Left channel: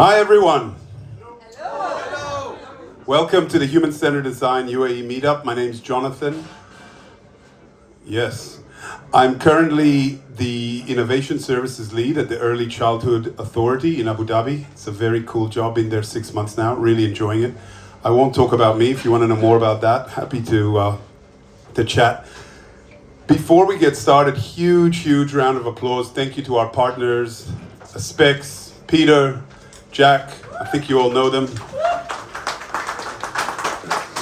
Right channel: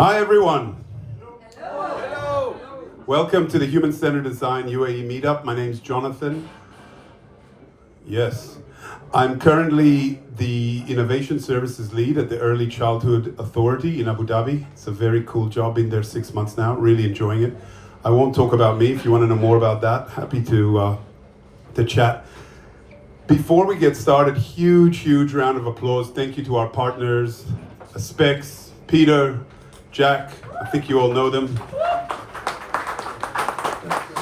Hi everyone. Hello. Welcome to the Human-Centered Design UAE Meetup. My name's Jonathan. Yes. I'm currently the Innovation Services Lead at the Early Childhood Authority in Abu Dhabi. It's a very cool job, been there 6 months now, really enjoying it. I won't talk about me. If you want to know more about that, happy to chat. Before we get started, huge round of applause. Thank you to our partners, Specs, Peter, Jack. I think you all know them.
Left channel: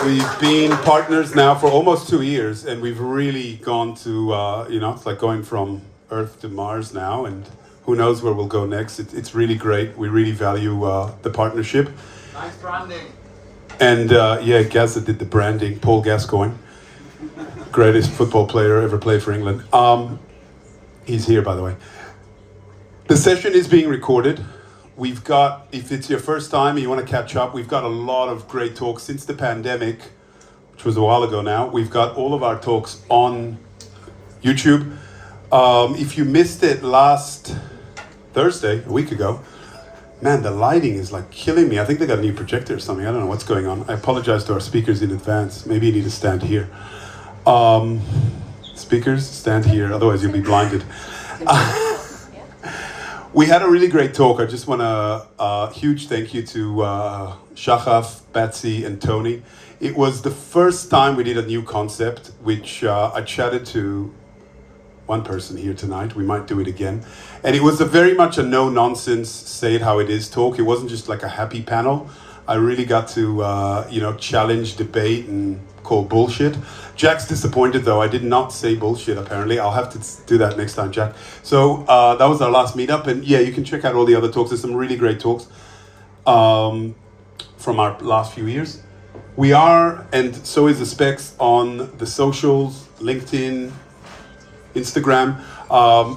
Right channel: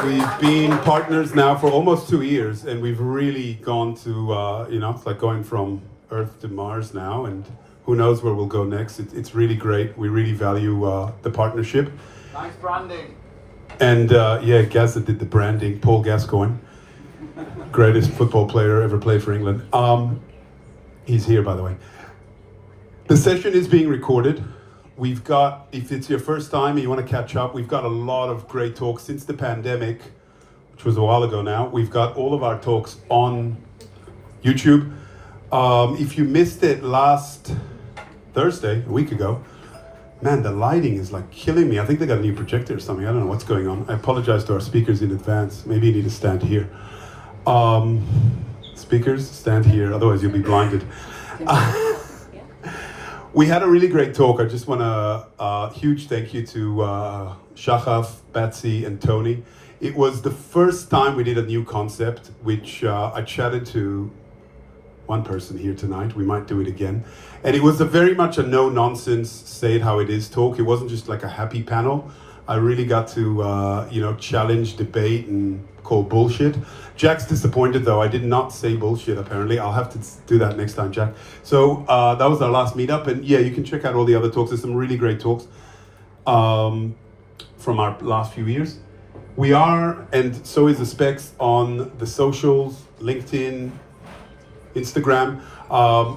We've been partners now for almost 2 years, and we've really gone to, it's like going from Earth to Mars now, and who knows where we'll go next. It's really great. We really value the partnership. Nice branding. And Gaza did the branding. Paul Gascoigne, greatest football player ever played for England. He's here, by the way. The session is being recorded. We've got, if it's your first time and you want to catch up, we've got a lot of great talks since the pandemic, which was a while ago now. We've got all of our talks on YouTube. If you missed it last Thursday, a week ago, man, the lighting is like killing me. I think they got a new projector or something. I don't know what's going on. I apologize to our speakers in advance. Maybe you need to stand here. Speakers, stand here, otherwise you'll be blinded. We had a really great talk. I just want to huge thank you to Shachaf, Betsy, and Tony. It was the first time we did a new concept, which I chatted to one person here tonight. We might do it again. And it was very much a no-nonsense, say it how it is talk. It wasn't just like a happy panel. I really got to challenge, debate, and call bullshit. Jack's disappointed though. I did not say bullshit apparently. I'll have to do that next time, Jack. So that was our last meetup, and yeah, you can check out all the other talks. There's some really great talks from our last few years. We are, and so is the Specs, on the socials, LinkedIn, Instagram.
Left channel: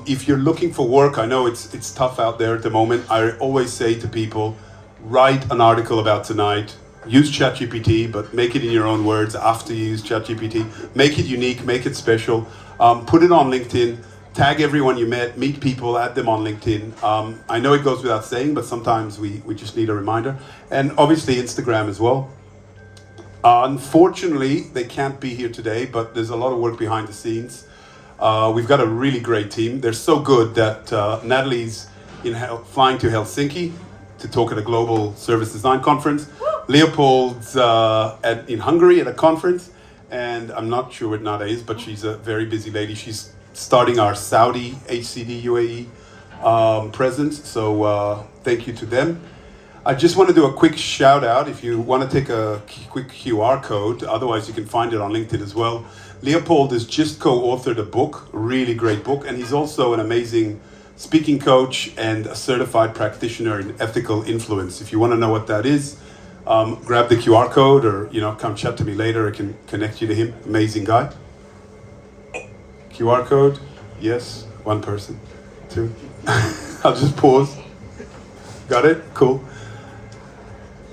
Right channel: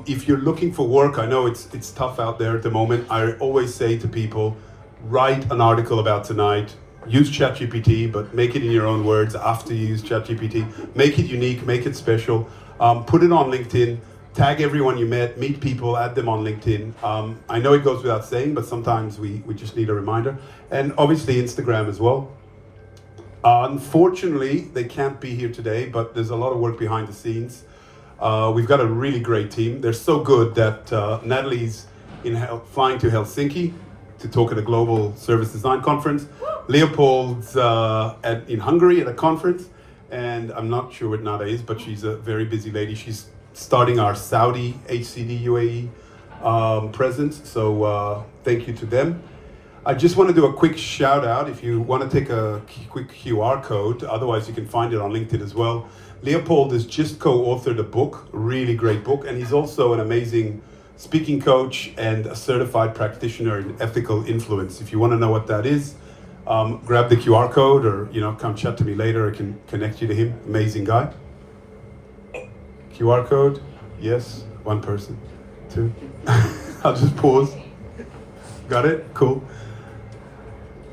If you're looking for work, I know it's tough out there at the moment. I always say to people, write an article about tonight. Use ChatGPT, but make it in your own words after you use ChatGPT. Make it unique, make it special. Put it on LinkedIn, tag everyone you met, meet people, add them on LinkedIn. I know it goes without saying, but sometimes we just need a reminder. And obviously Instagram as well. Unfortunately, they can't be here today, but there's a lot of work behind the scenes. We've got a really great team. They're so good that Natalie's flying to Helsinki to talk at a global service design conference. Leopold's in Hungary at a conference, and I'm not sure what Nada is, but she's a very busy lady. She's starting our Saudi HCD UAE presence, so thank you to them. I just want to do a quick shout out. If you want to take a quick QR code, otherwise you can find it on LinkedIn as well. Leopold has just co-authored a book, a really great book, and he's also an amazing speaking coach and a certified practitioner in ethical influence. If you want to know what that is, grab the QR code, or come chat to me later. I can connect you to him. Amazing guy. QR code, yes, one person, two. I'll just pause. Got it? Cool.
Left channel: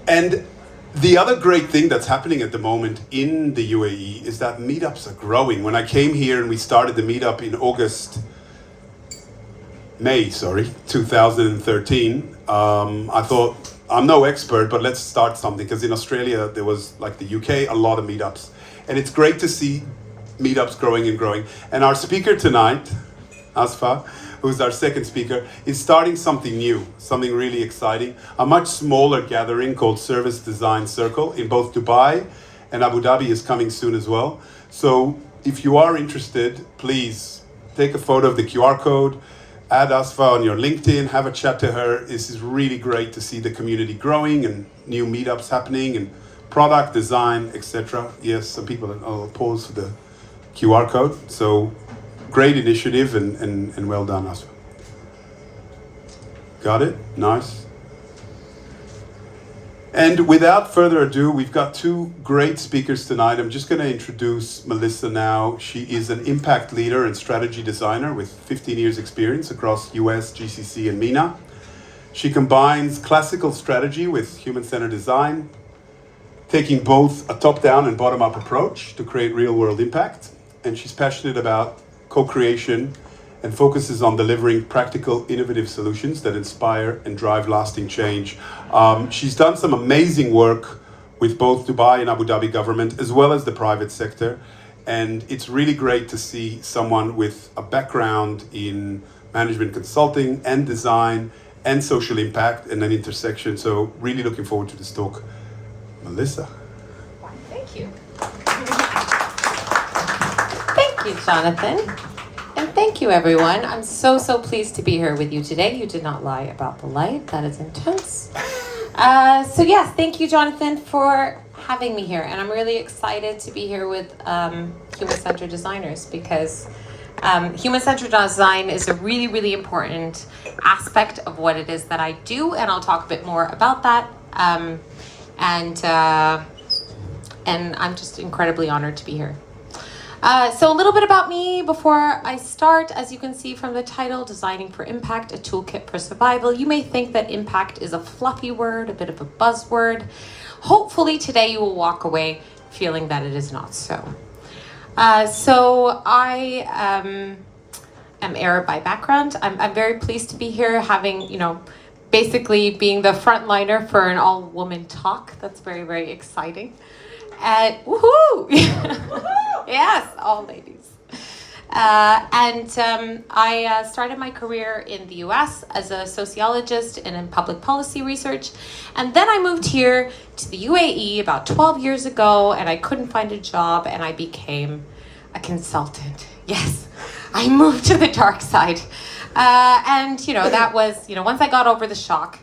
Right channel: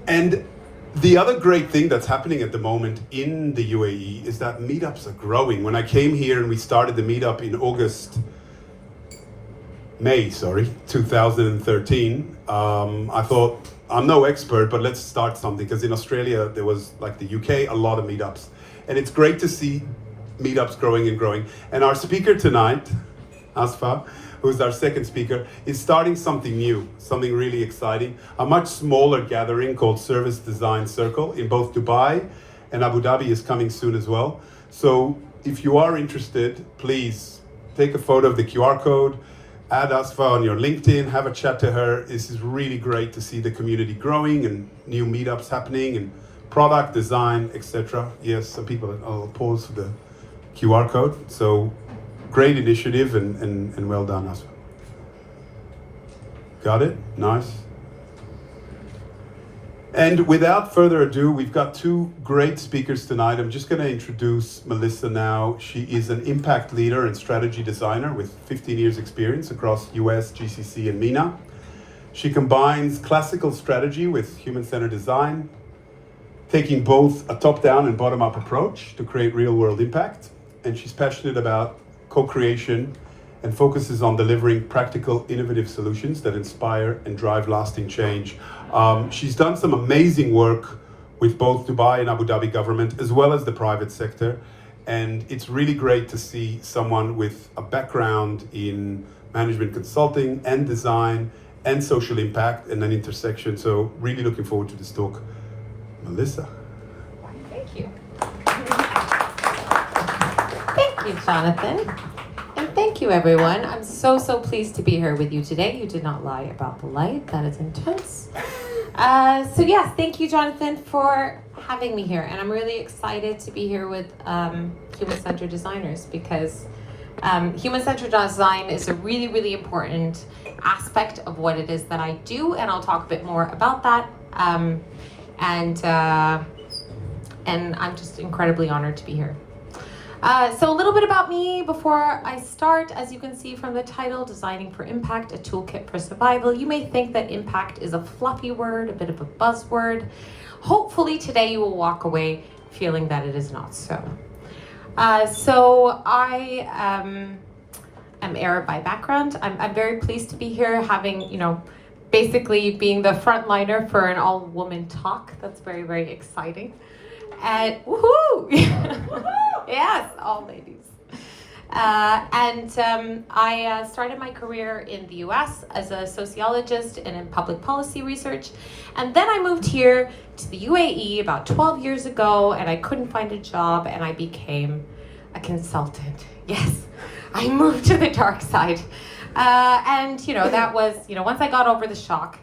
And the other great thing that's happening at the moment in the UAE is that meetups are growing. When I came here and we started the meetup in May 2013, I thought, I'm no expert, but let's start something, because in Australia, there was, like the UK, a lot of meetups. And it's great to see meetups growing and growing. And our speaker tonight, Asfa, who's our second speaker, is starting something new, something really exciting. A much smaller gathering called Service Design Circle in both Dubai and Abu Dhabi is coming soon as well. So if you are interested, please take a photo of the QR code, add Asfa on your LinkedIn, have a chat to her. This is really great to see the community growing and new meetups happening and product design, etc. Yes, some people, I'll pause for the QR code. So great initiative and well done, Asfa. Got it? Nice. And without further ado, we've got two great speakers tonight. I'm just going to introduce Melissa now. She is an impact leader and strategy designer with 15 years experience across US, GCC, and MENA. She combines classical strategy with human-centered design, taking both a top-down and bottom-up approach to create real-world impact. And she's passionate about co-creation and focuses on delivering practical, innovative solutions that inspire and drive lasting change. She's done some amazing work with both Dubai and Abu Dhabi government, as well as the private sector. And it's really great to see someone with a background in management consulting and design and social impact and an intersection. So really looking forward to this talk. Melissa. Thank you. Thank you, Jonathan. And thank you, everyone. I'm so pleased to be here with you today. You did not lie about the light. That is intense. So yes, thank you, Jonathan, for having me here. And I'm really excited to be here with human-centered designers, because human-centered design is a really important aspect of what it is that I do, and I'll talk a bit more about that. And I'm just incredibly honored to be here. So a little bit about me before I start. As you can see from the title, Designing for Impact, a Toolkit for Survival. You may think that impact is a fluffy word, a bit of a buzzword. Hopefully today you will walk away feeling that it is not so. So I am Arab by background. I'm very pleased to be here, having, basically being the frontliner for an all-woman talk. That's very exciting. And woohoo! Yes, all ladies. I started my career in the US as a sociologist and in public policy research. And then I moved here to the UAE about 12 years ago, and I couldn't find a job, and I became a consultant. Yes, I moved to the dark side. That was, once I got over the shock,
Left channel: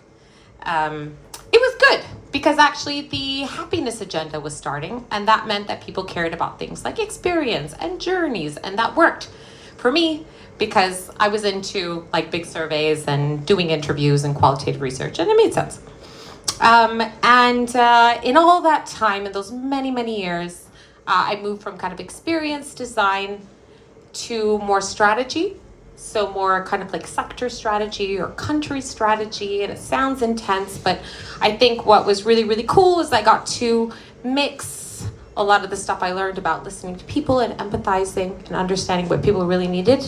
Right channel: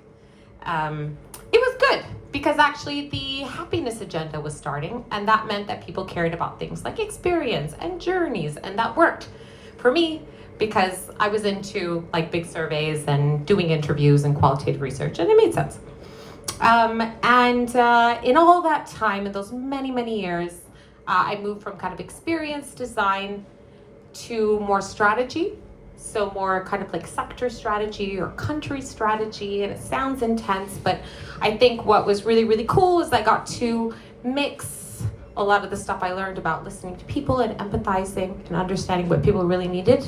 it was good, because actually the happiness agenda was starting, and that meant that people cared about things like experience and journeys, and that worked for me because I was into like big surveys and doing interviews and qualitative research, and it made sense. In all that time, in those many years, I moved from kind of experience design to more strategy. So more kind of like sector strategy or country strategy, and it sounds intense, but I think what was really cool is I got to mix a lot of the stuff I learned about listening to people and empathizing and understanding what people really needed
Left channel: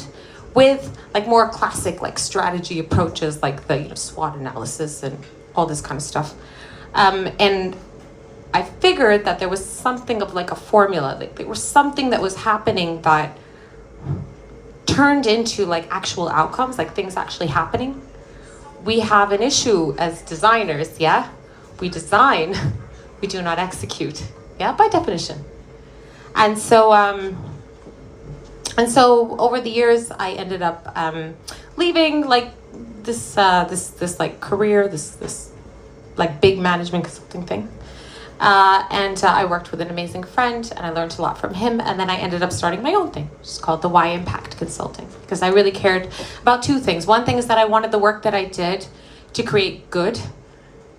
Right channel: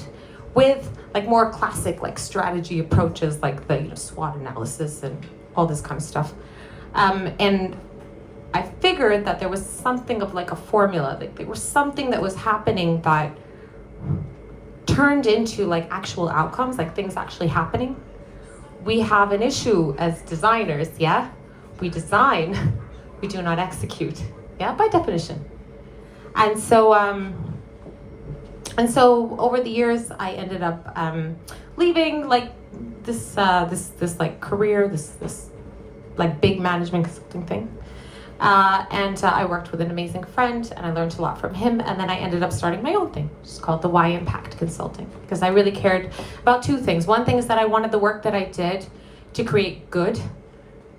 with like more classic like strategy approaches, like the SWOT analysis and all this kind of stuff. And I figured that there was something of like a formula, like there was something that was happening that turned into like actual outcomes, like things actually happening. We have an issue as designers, yeah? We design, we do not execute, yeah, by definition. And so over the years, I ended up leaving like this like career, this like big management consulting thing. I worked with an amazing friend, and I learned a lot from him, and then I ended up starting my own thing, which is called the Y Impact Consulting, because I really cared about two things. One thing is that I wanted the work that I did to create good,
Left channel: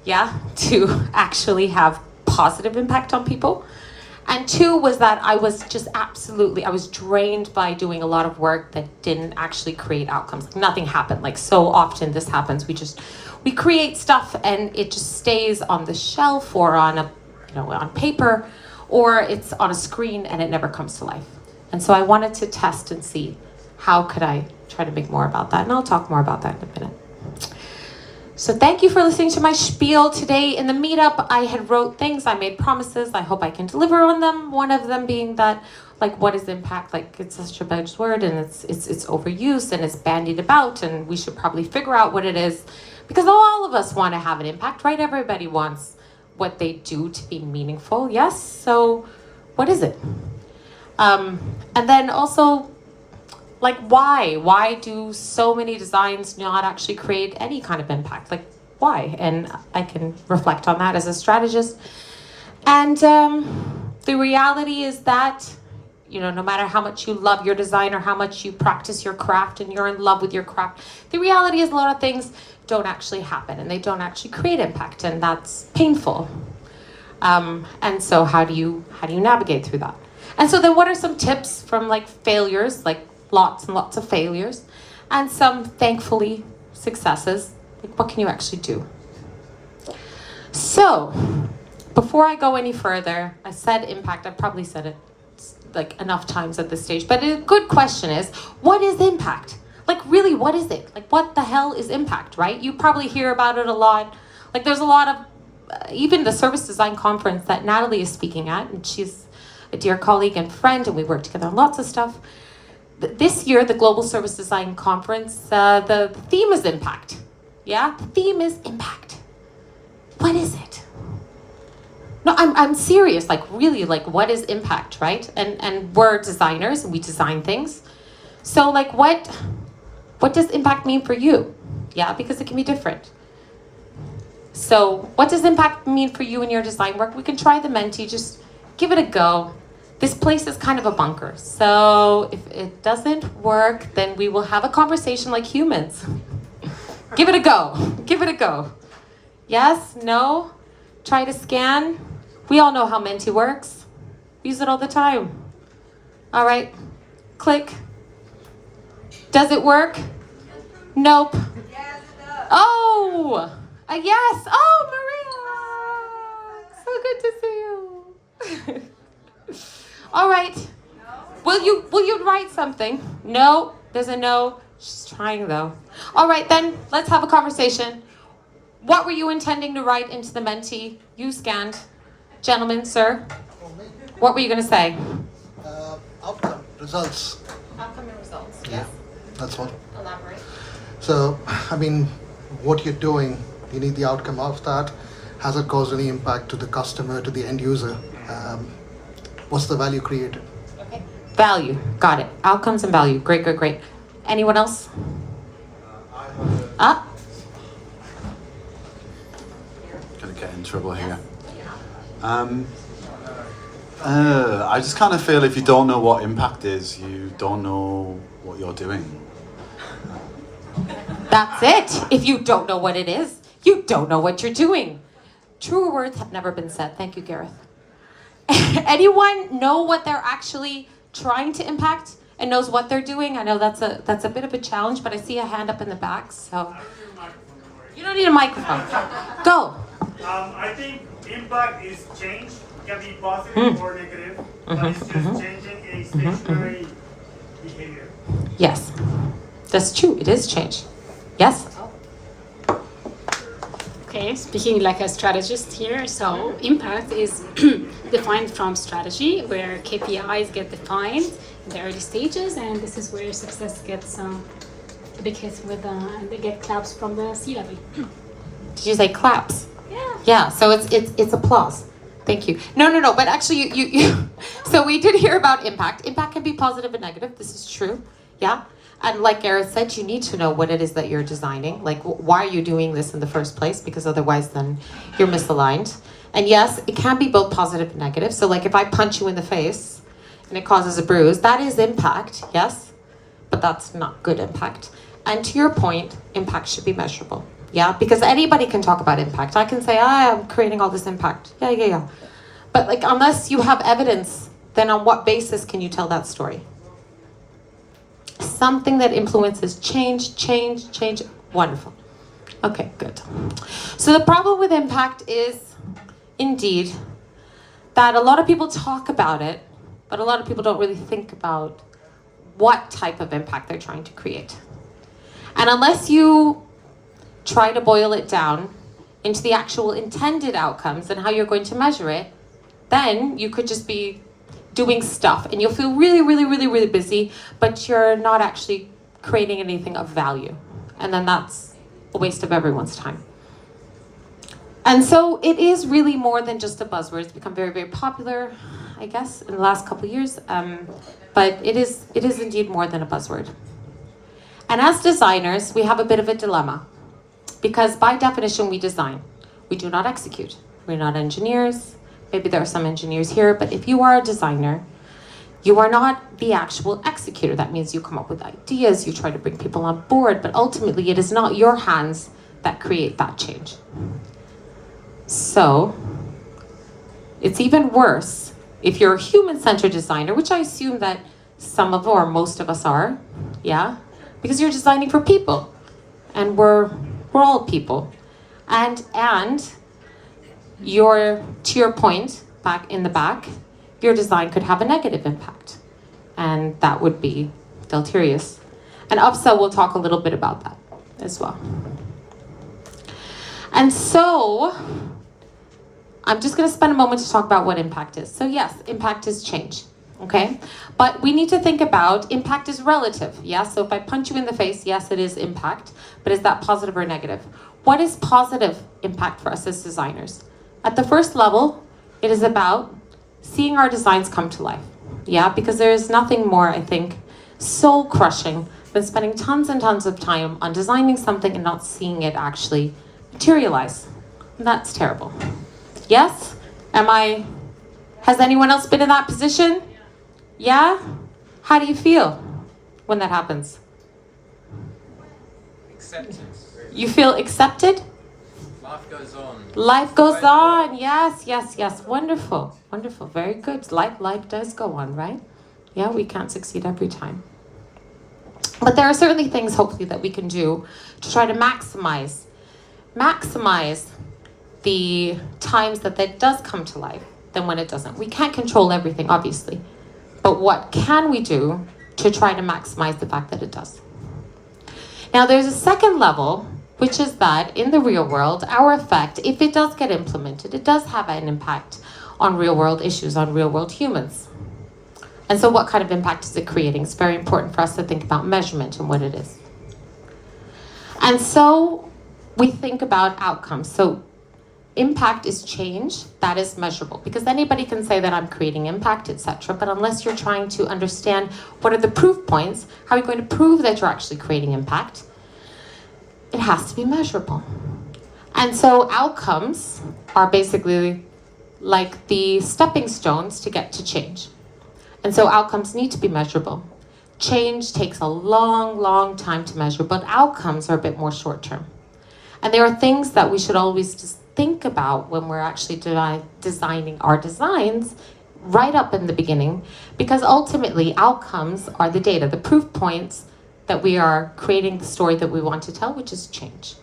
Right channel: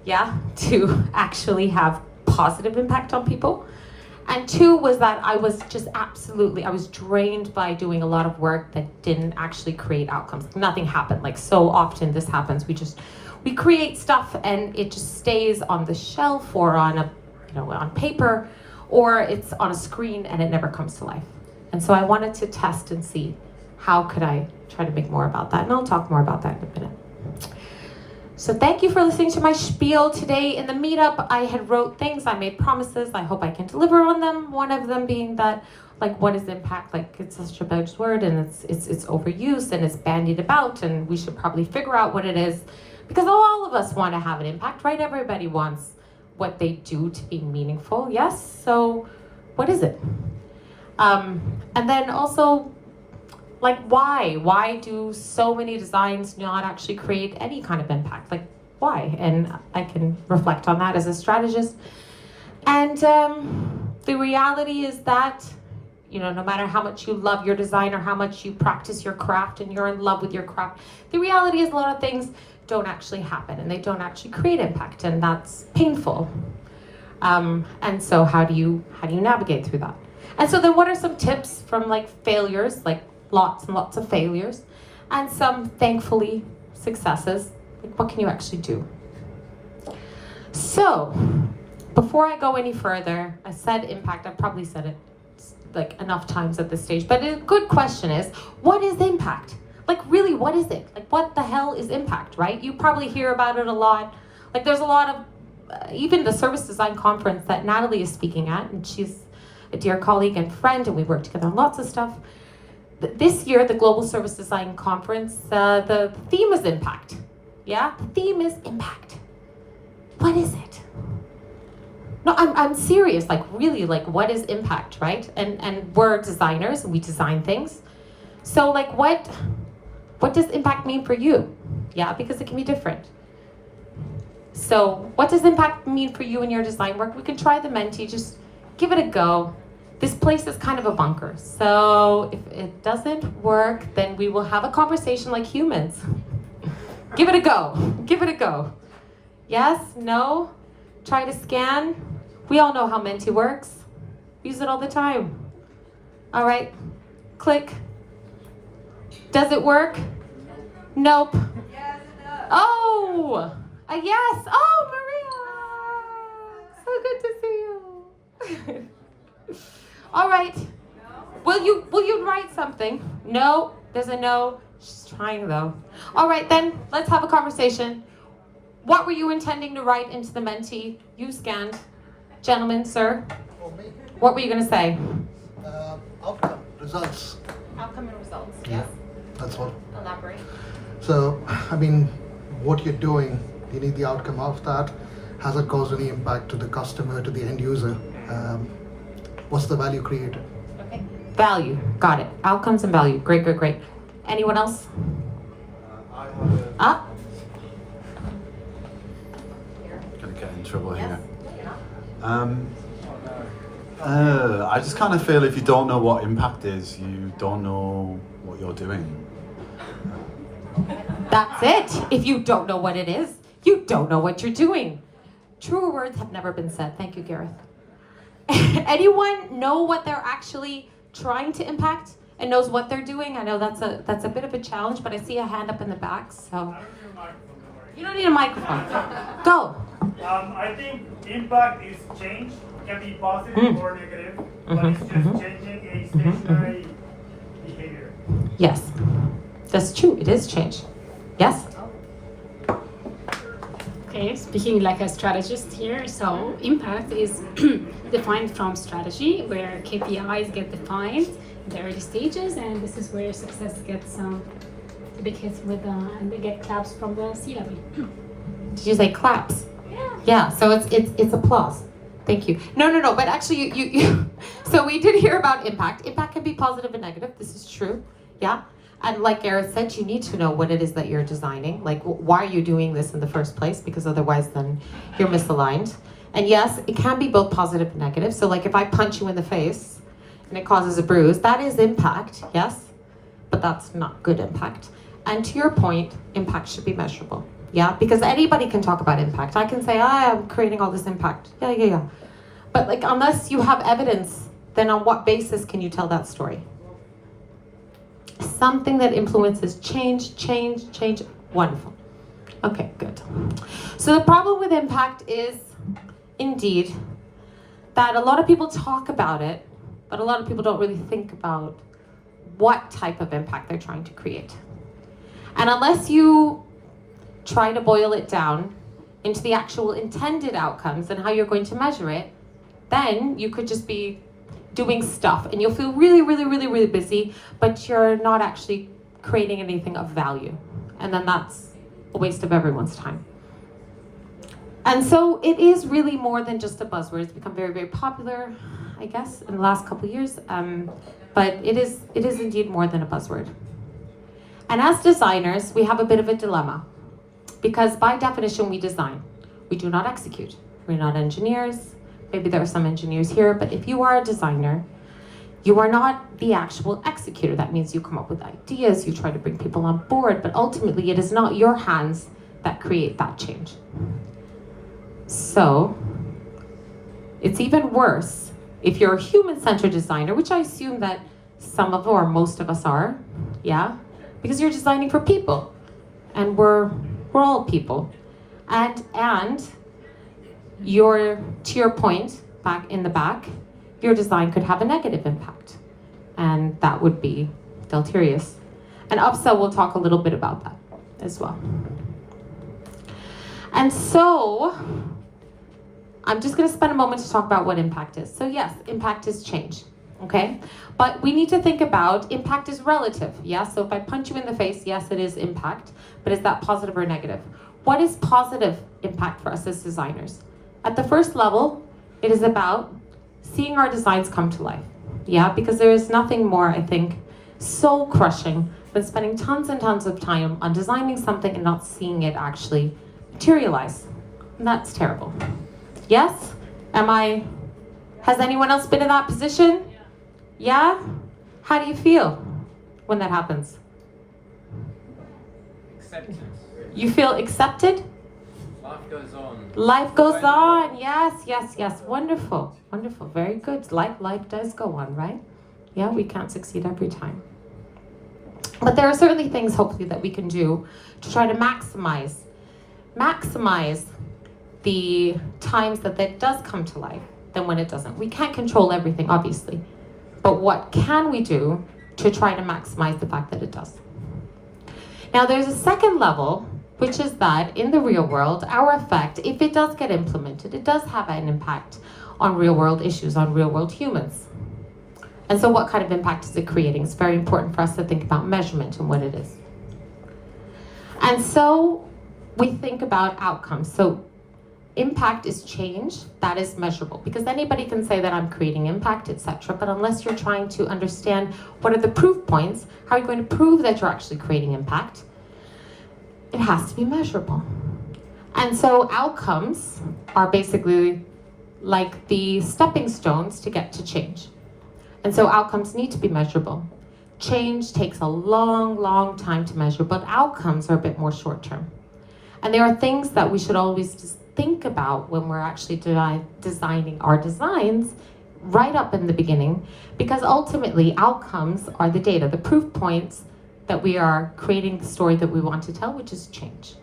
yeah, to actually have positive impact on people. And two was that I was just I was drained by doing a lot of work that didn't actually create outcomes. Nothing happened. Like so often this happens. We create stuff and it just stays on the shelf or on on paper, or it's on a screen and it never comes to life. And so I wanted to test and see how could I try to make more about that. And I'll talk more about that in a minute. So thank you for listening to my spiel today. In the meetup, I had wrote things, I made promises, I hope I can deliver on them. One of them being that, like, what is impact? Like, it's such a buzzword and it's overused and it's bandied about, and we should probably figure out what it is, because all of us want to have an impact, right? Everybody wants what they do to be meaningful, yes? So what is it? And then also, like, why? Why do so many designs not actually create any kind of impact? Like, why? And I can reflect on that as a strategist. And the reality is that, no matter how much you love your design or how much you practice your craft and you're in love with your craft, the reality is a lot of things don't actually happen and they don't actually create impact, and that's painful. And so how do you navigate through that? And so then what are some tips from like failures, like lots and lots of failures, and some thankfully successes? Like, what can you actually do? So before I go any further, I said impact. I've probably said it like enough times at this stage, but a good question is, what is impact? like really, what is it? Like, what the hell is impact, right? You probably hear about it a lot. Like, there's a lot of, even the service design conference that Natalie is speaking at, and she's a dear colleague and friend, and we work together on lots of stuff. This year, the Global Service Design Conference, the theme is impact. Yeah, the theme is impact. What is it? No, I'm serious, like really, like what is impact, right? And we're designers, and we design things. So like what does impact mean for you? Yeah, because it can be different. So what does impact mean for you in your design work? We can try the Menti, just give it a go. This place is kind of a bunker. So if it doesn't work, then we will have a conversation like humans. Give it a go, give it a go. Yes, no, try to scan. We all know how Menti works. Use it all the time. All right, click. Does it work? Nope. Yes, it does. Oh, a yes. Oh, Maria, so good to see you. All right. Will you write something? No, there's a no. She's trying though. All right, then let's have a conversation. What were you intending to write into the Menti? You scanned. Gentlemen, sir. What were you going to say? Outcome, results. Outcome and results. Yeah, that's what. Elaborate. So, I mean, what you're doing, you need the outcome of that. Has it caused any impact to the customer, to the end user? What's the value created? Okay. Value. Got it. Outcomes and value. Great, great, great. Anyone else? Ah. Gonna get in trouble here. I just kind of feel if you don't know what impact is, you don't know what you're doing. That's it. If you don't know what it is, you don't know what you're doing. Truer words have never been said. Thank you, Gareth. Anyone know what they're actually trying to impact and knows what they're doing? I know that's a bit of a challenge, but I see a hand up in the back, so. You don't need a microphone. Go. I think impact is change. It can be positive or negative, but it's just changing a stationary behavior. Yes, that's true. It is change. Yes. Okay, speaking like a strategist here, so impact is defined from strategy, where KPIs get defined in the early stages, and this is where success gets a big hit with, and they get claps from the C-level. Did you say claps? Yeah. Yeah. So it's applause. Thank you. No. But actually, you. So we did hear about impact. Impact can be positive and negative. This is true. Yeah. And like Gareth said, you need to know what it is that you're designing. Like, why are you doing this in the first place? Because otherwise, then you're misaligned. And yes, it can be both positive and negative. So like if I punch you in the face and it causes a bruise, that is impact, yes? But that's not good impact. And to your point, impact should be measurable. Yeah, because anybody can talk about impact. I can say, I'm creating all this impact. Yeah. But like, unless you have evidence, then on what basis can you tell that story? Something that influences change. Wonderful. Okay, good. So the problem with impact is, indeed, that a lot of people talk about it, but a lot of people don't really think about what type of impact they're trying to create. And unless you try to boil it down into the actual intended outcomes and how you're going to measure it, then you could just be doing stuff and you'll feel really busy, but you're not actually creating anything of value. And then that's a waste of everyone's time. And so it is really more than just a buzzword. It's become very popular, I guess, in the last couple of years. But it is indeed more than a buzzword. And as designers, we have a bit of a dilemma. Because by definition, we design. We do not execute. We're not engineers. Maybe there are some engineers here, but if you are a designer, you are not the actual executor. That means you come up with ideas, you try to bring people on board, but ultimately it is not your hands that create that change. So it's even worse if you're a human-centered designer, which I assume that some of or most of us are, yeah? Because you're designing for people, and we're all people. And to your point, back in the back, your design could have a negative impact. And that would be deleterious. And upsell, we'll talk a little bit about that as well. And so, I'm just going to spend a moment to talk about what impact is. So yes, impact is change, okay? But we need to think about impact is relative, yeah? So if I punch you in the face, yes, it is impact, but is that positive or negative? What is positive impact for us as designers? At the first level, it is about seeing our designs come to life, yeah? Because there is nothing more, I think, soul crushing than spending tons and tons of time on designing something and not seeing it actually materialize. And that's terrible. Yes? Has anyone else been in that position? Yeah? How do you feel when that happens? Acceptance. You feel accepted? Life goes on. Life goes on. Yes, yes, yes. Wonderful. Wonderful. Very good. Life does go on, right? Yeah, we can't succeed every time. But there are certainly things, hopefully, that we can do to try to maximize the times that does come to life than when it doesn't. We can't control everything, obviously. But what can we do to try to maximize the fact that it does? Now, there's a second level, which is that in the real world, our effect, if it does get implemented, it does have an impact on real world issues, on real world humans. And so what kind of impact is it creating? It's very important for us to think about measurement and what it is. And so we think about outcomes. So impact is change that is measurable, because anybody can say that I'm creating impact, etc. But unless you're trying to understand what are the proof points, how are you going to prove that you're actually creating impact? It has to be measurable. And so outcomes are basically like the stepping stones to get to change. And so outcomes need to be measurable. Change takes a long, long time to measure, but outcomes are a bit more short term. And there are things that we should always just think about when we're actually designing our designs right up in the beginning, because ultimately outcomes are the data, the proof points that we are creating the story that we want to tell, which is change.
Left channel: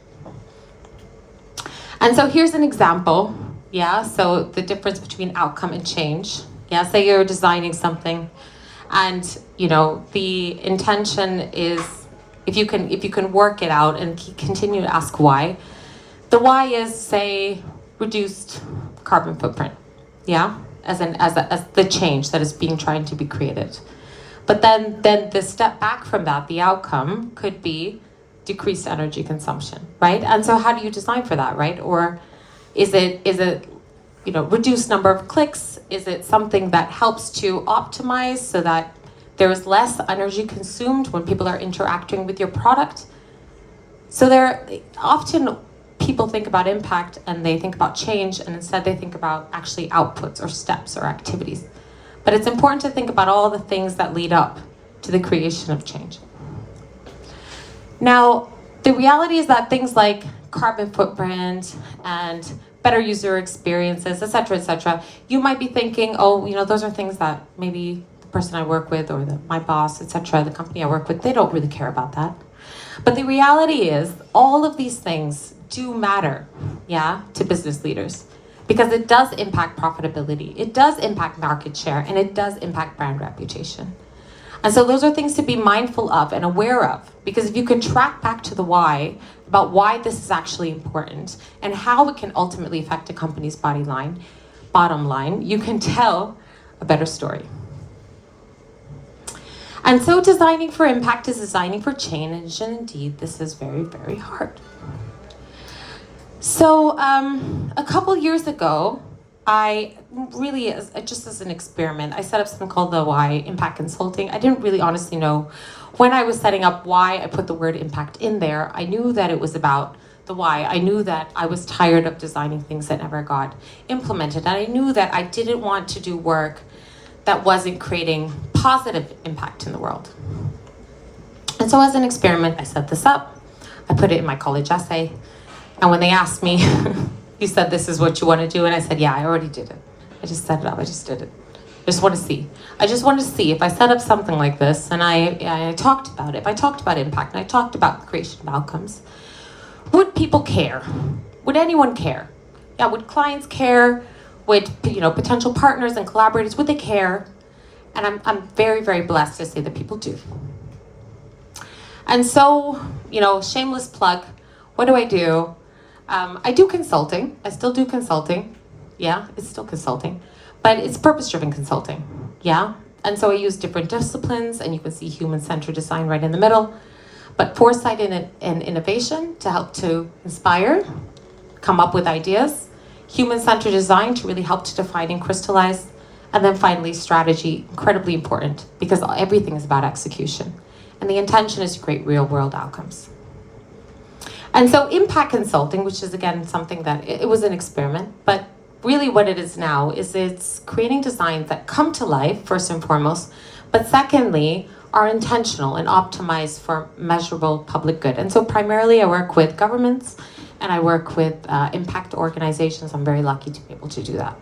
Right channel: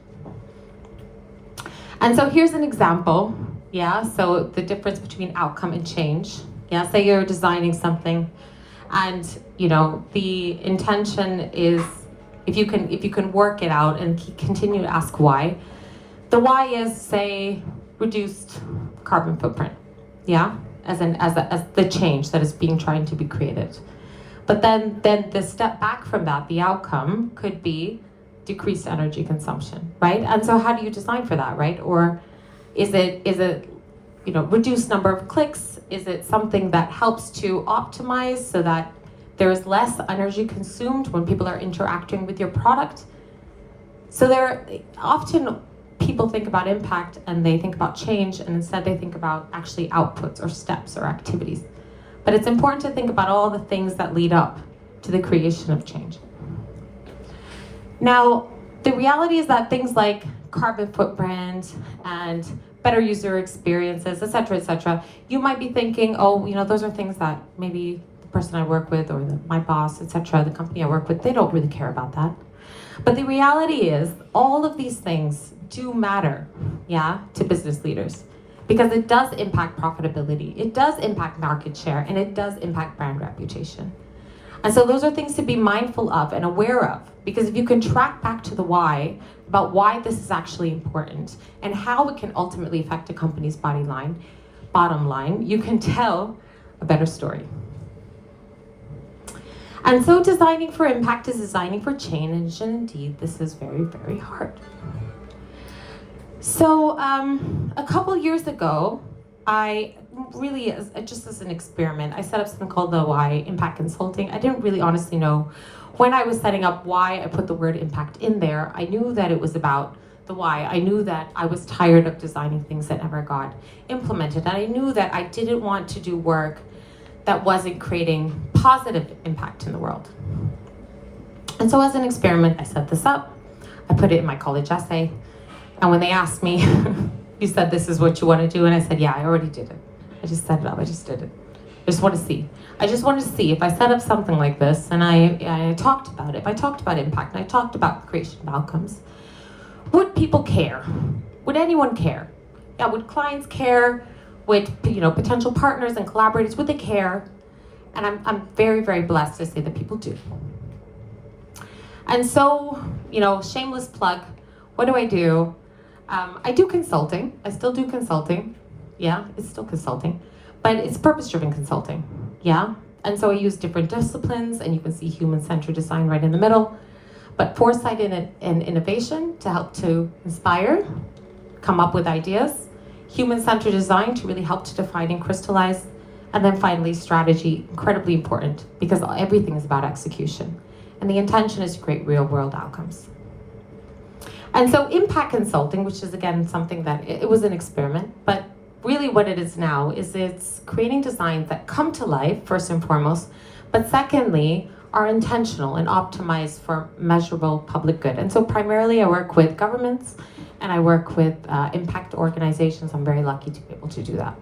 And so here's an example, yeah, so the difference between outcome and change. Yeah, say you're designing something and, you know, the intention is, if you can work it out and continue to ask why. The why is, say, reduced carbon footprint, yeah, as the change that is being trying to be created. But then the step back from that, the outcome could be decreased energy consumption, right? And so how do you design for that, right? Or is it you know, reduced number of clicks? Is it something that helps to optimize so that there is less energy consumed when people are interacting with your product? So often people think about impact and they think about change, and instead they think about actually outputs or steps or activities. But it's important to think about all the things that lead up to the creation of change. Now, the reality is that things like carbon footprint and better user experiences, et cetera, you might be thinking, oh, you know, those are things that maybe the person I work with or my boss, et cetera, the company I work with, they don't really care about that. But the reality is all of these things do matter, yeah, to business leaders, because it does impact profitability, it does impact market share, and it does impact brand reputation. And so those are things to be mindful of and aware of, because if you can track back to the why, about why this is actually important and how it can ultimately affect a company's bottom line, you can tell a better story. And so designing for impact is designing for change, and indeed this is very, very hard. So a couple years ago, I really, just as an experiment, I set up something called the Why Impact Consulting. I didn't really honestly know when I was setting up why I put the word impact in there. I knew that it was about the why. I knew that I was tired of designing things that never got implemented. And I knew that I didn't want to do work that wasn't creating positive impact in the world. And so as an experiment, I set this up. I put it in my college essay. And when they asked me, you said this is what you want to do, and I said, yeah, I already did it. I just set it up, I just did it. I just want to see. I just want to see if I set up something like this and I talked about it, if I talked about impact and I talked about the creation of outcomes, would people care? Would anyone care? Yeah, would clients care? Would, you know, potential partners and collaborators, would they care? And I'm very, very blessed to say that people do. And so, shameless plug, what do? I do consulting. I still do consulting. Yeah, it's still consulting, but it's purpose-driven consulting. Yeah, and so I use different disciplines, and you can see human-centered design right in the middle. But foresight and innovation to help to inspire, come up with ideas. Human-centered design to really help to define and crystallize. And then finally, strategy, incredibly important because everything is about execution. And the intention is to create real-world outcomes. And so impact consulting, which is again something that, it was an experiment, but really what it is now is it's creating designs that come to life, first and foremost, but secondly, are intentional and optimized for measurable public good. And so primarily I work with governments and I work with impact organizations. I'm very lucky to be able to do that.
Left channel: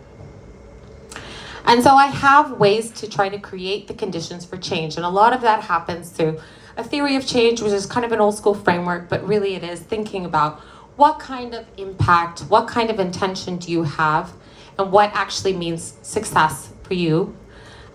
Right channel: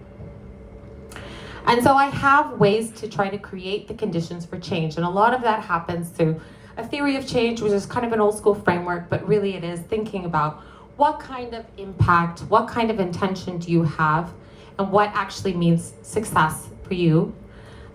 And so I have ways to try to create the conditions for change. And a lot of that happens through a theory of change, which is kind of an old school framework, but really it is thinking about what kind of impact, what kind of intention do you have, and what actually means success for you.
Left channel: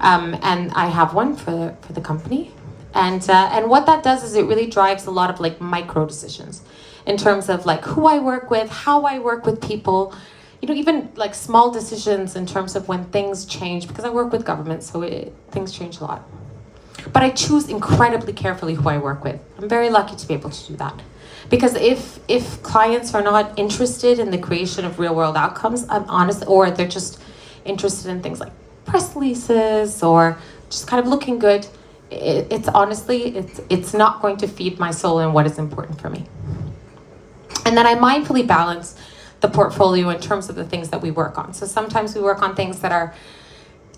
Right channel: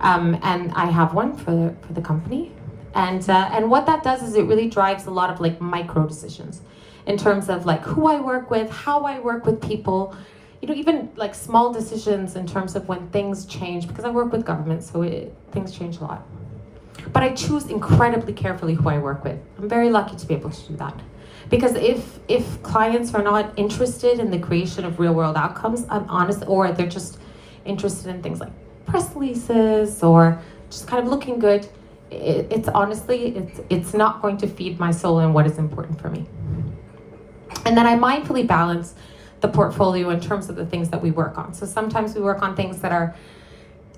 And I have one for the company. And what that does is it really drives a lot of like micro decisions in terms of like who I work with, how I work with people, even like small decisions in terms of when things change, because I work with government, so things change a lot. But I choose incredibly carefully who I work with. I'm very lucky to be able to do that. Because if clients are not interested in the creation of real world outcomes, I'm honest, or they're just interested in things like press releases or just kind of looking good, it's honestly, it's not going to feed my soul and what is important for me. And then I mindfully balance the portfolio in terms of the things that we work on. So sometimes we work on things that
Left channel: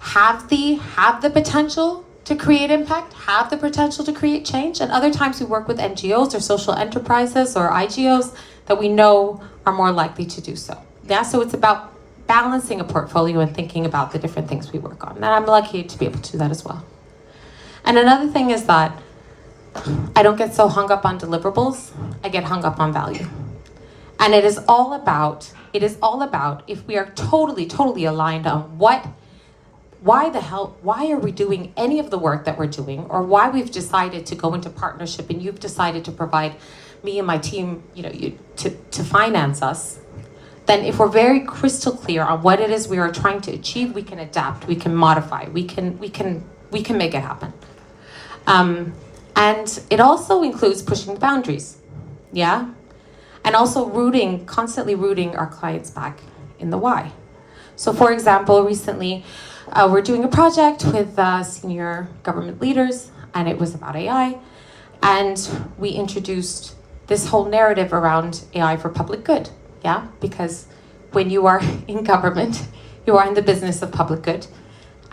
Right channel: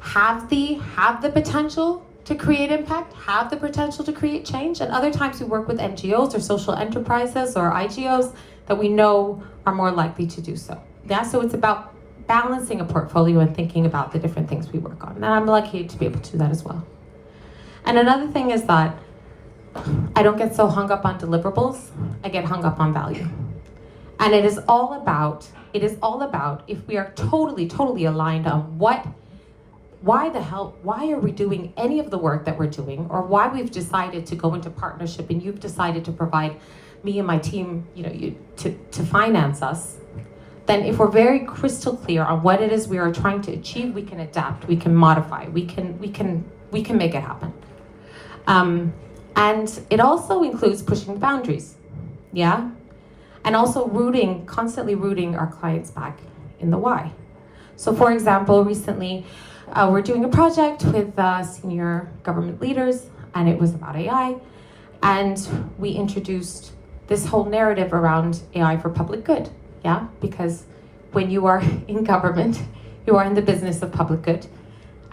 have the potential to create impact, have the potential to create change, and other times we work with NGOs or social enterprises or IGOs that we know are more likely to do so. Yeah, so it's about balancing a portfolio and thinking about the different things we work on. And I'm lucky to be able to do that as well. And another thing is that I don't get so hung up on deliverables, I get hung up on value. And it is all about if we are totally aligned on why are we doing any of the work that we're doing, or why we've decided to go into partnership and you've decided to provide me and my team, to finance us, then if we're very crystal clear on what it is we are trying to achieve, we can adapt, we can modify, we can make it happen. And it also includes pushing boundaries, yeah? And also constantly rooting our clients back in the why. So for example, recently, we're doing a project with senior government leaders, and it was about AI. And we introduced this whole narrative around AI for public good, yeah? Because when you are in government, you are in the business of public good.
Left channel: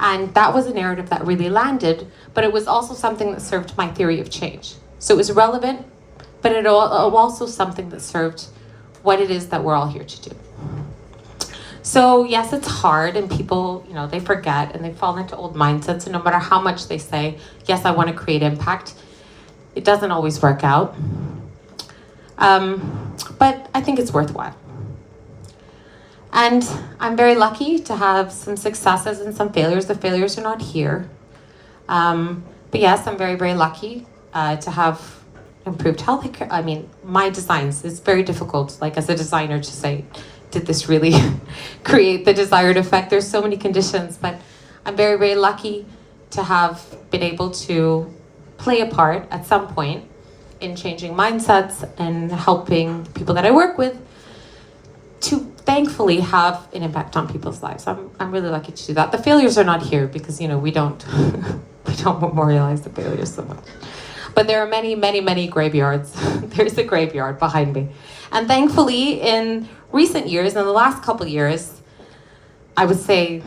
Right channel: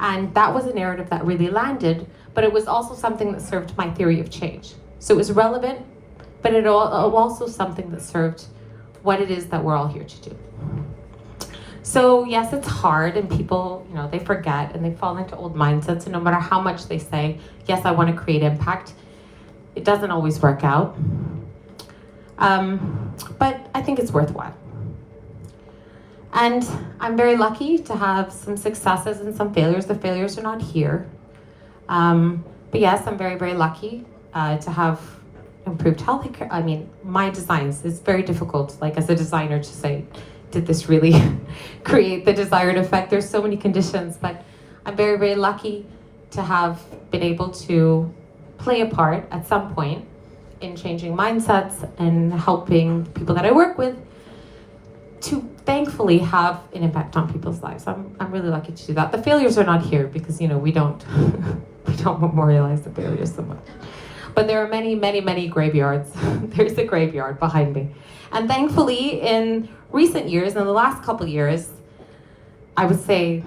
And that was a narrative that really landed, but it was also something that served my theory of change. So it was relevant, but it also something that served what it is that we're all here to do. So yes, it's hard, and people, they forget and they fall into old mindsets, and no matter how much they say, yes, I want to create impact, it doesn't always work out. But I think it's worthwhile. And I'm very lucky to have some successes and some failures. The failures are not here. But yes, I'm very, very lucky to have improved healthcare. I mean, my designs, it's very difficult, like as a designer, to say, did this really create the desired effect? There's so many conditions, but I'm very, very lucky to have been able to play a part at some point in changing mindsets and helping people that I work with to thankfully have an impact on people's lives. I'm really lucky to do that. The failures are not here because we don't memorialize the failures so much. But there are many, many, many graveyards. There's a graveyard behind me. And thankfully, in recent years, in the last couple of years, I would say,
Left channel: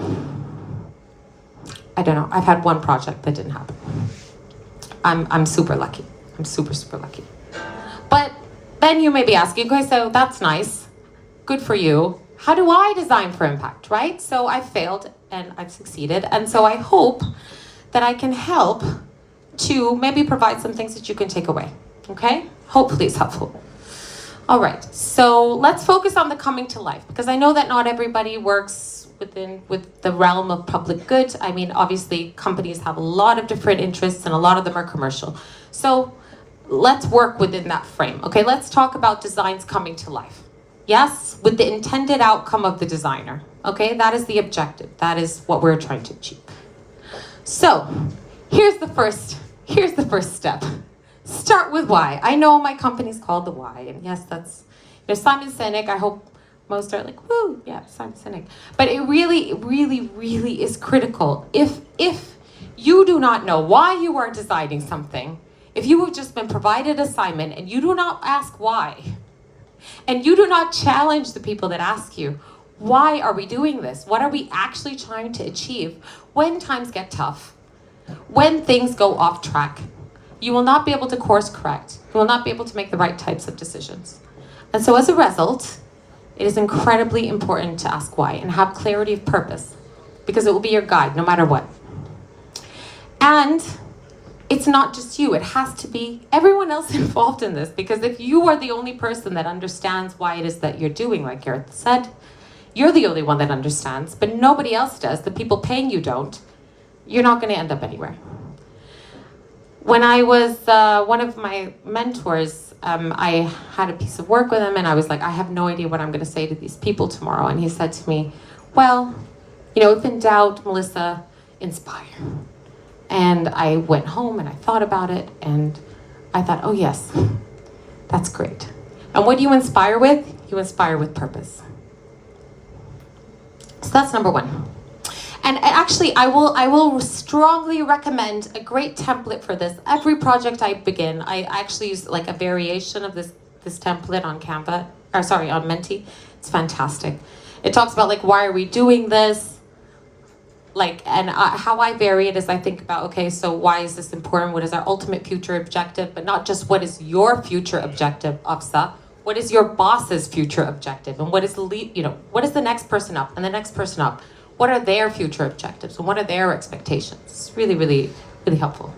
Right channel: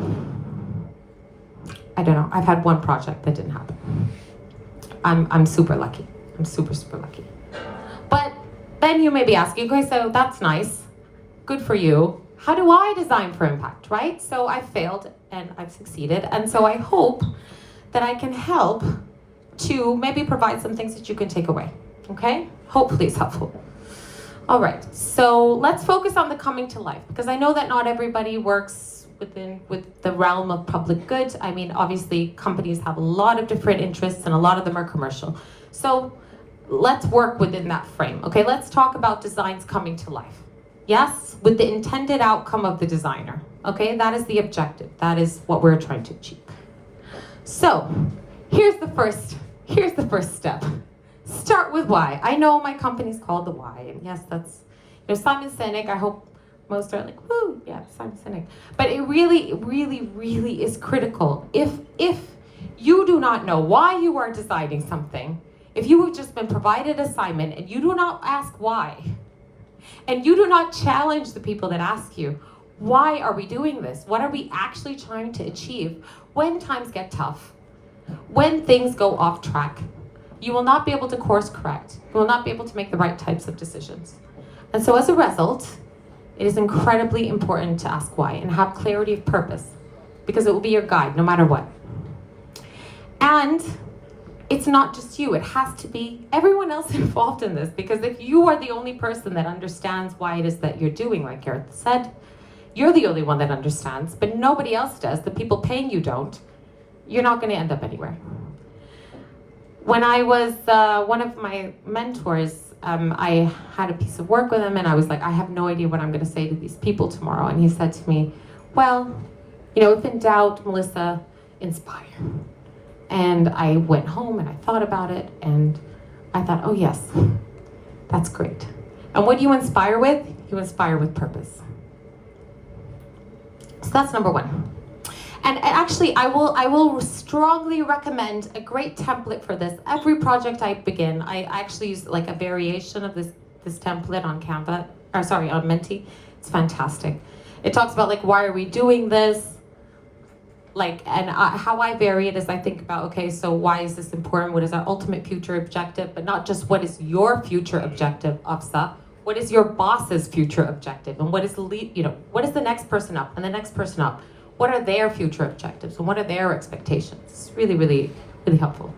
I don't know, I've had one project that didn't happen. I'm super lucky. I'm super, super lucky. But then you may be asking, okay, so that's nice. Good for you. How do I design for impact, right? So I've failed and I've succeeded. And so I hope that I can help to maybe provide some things that you can take away, okay? Hopefully it's helpful. All right, so let's focus on the coming to life, because I know that not everybody works with the realm of public good. I mean, obviously companies have a lot of different interests and a lot of them are commercial. So let's work within that frame. Okay, let's talk about designs coming to life. Yes, with the intended outcome of the designer. Okay, that is the objective. That is what we're trying to achieve. So, here's the first step. Start with why. I know my company's called the why, and yes, that's, Simon Sinek. I hope most are like, woo, yeah, Simon Sinek. But it really, really, really is critical. If you do not know why you are designing something, if you have just been provided an assignment and you do not ask why, and you do not challenge the people that ask you, why are we doing this? What are we actually trying to achieve? When times get tough, when things go off track, you will not be able to course correct. You will not be able to make the right types of decisions. And so as a result, it is incredibly important to ask why and have clarity of purpose, because it will be your guide no matter what. And it's not just you, it has to be everyone else involved in this, because if you are the only person that understands why it is that you're doing, like Gareth said, you're the only one that understands, but nobody else does, the people paying you don't, you're not going to end up anywhere. When I was one of my mentors, I had a piece of work with him and I was like, I have no idea what I'm going to say to these people tomorrow. And he said to me, well, if in doubt, Melissa, inspire. And I went home and I thought about it and I thought, oh yes, that's great. And what do you inspire with? You inspire with purpose. So that's number one. And actually, I will strongly recommend a great template for this. Every project I begin, I actually use like a variation of this template on Canva, on Menti. It's fantastic. It talks about like, why are we doing this? How I vary it is I think about, okay, so why is this important? What is our ultimate future objective? But not just what is your future objective, Afsa. What is your boss's future objective? And what is what is the next person up and the next person up? What are their future objectives and what are their expectations? It's really, really, really helpful.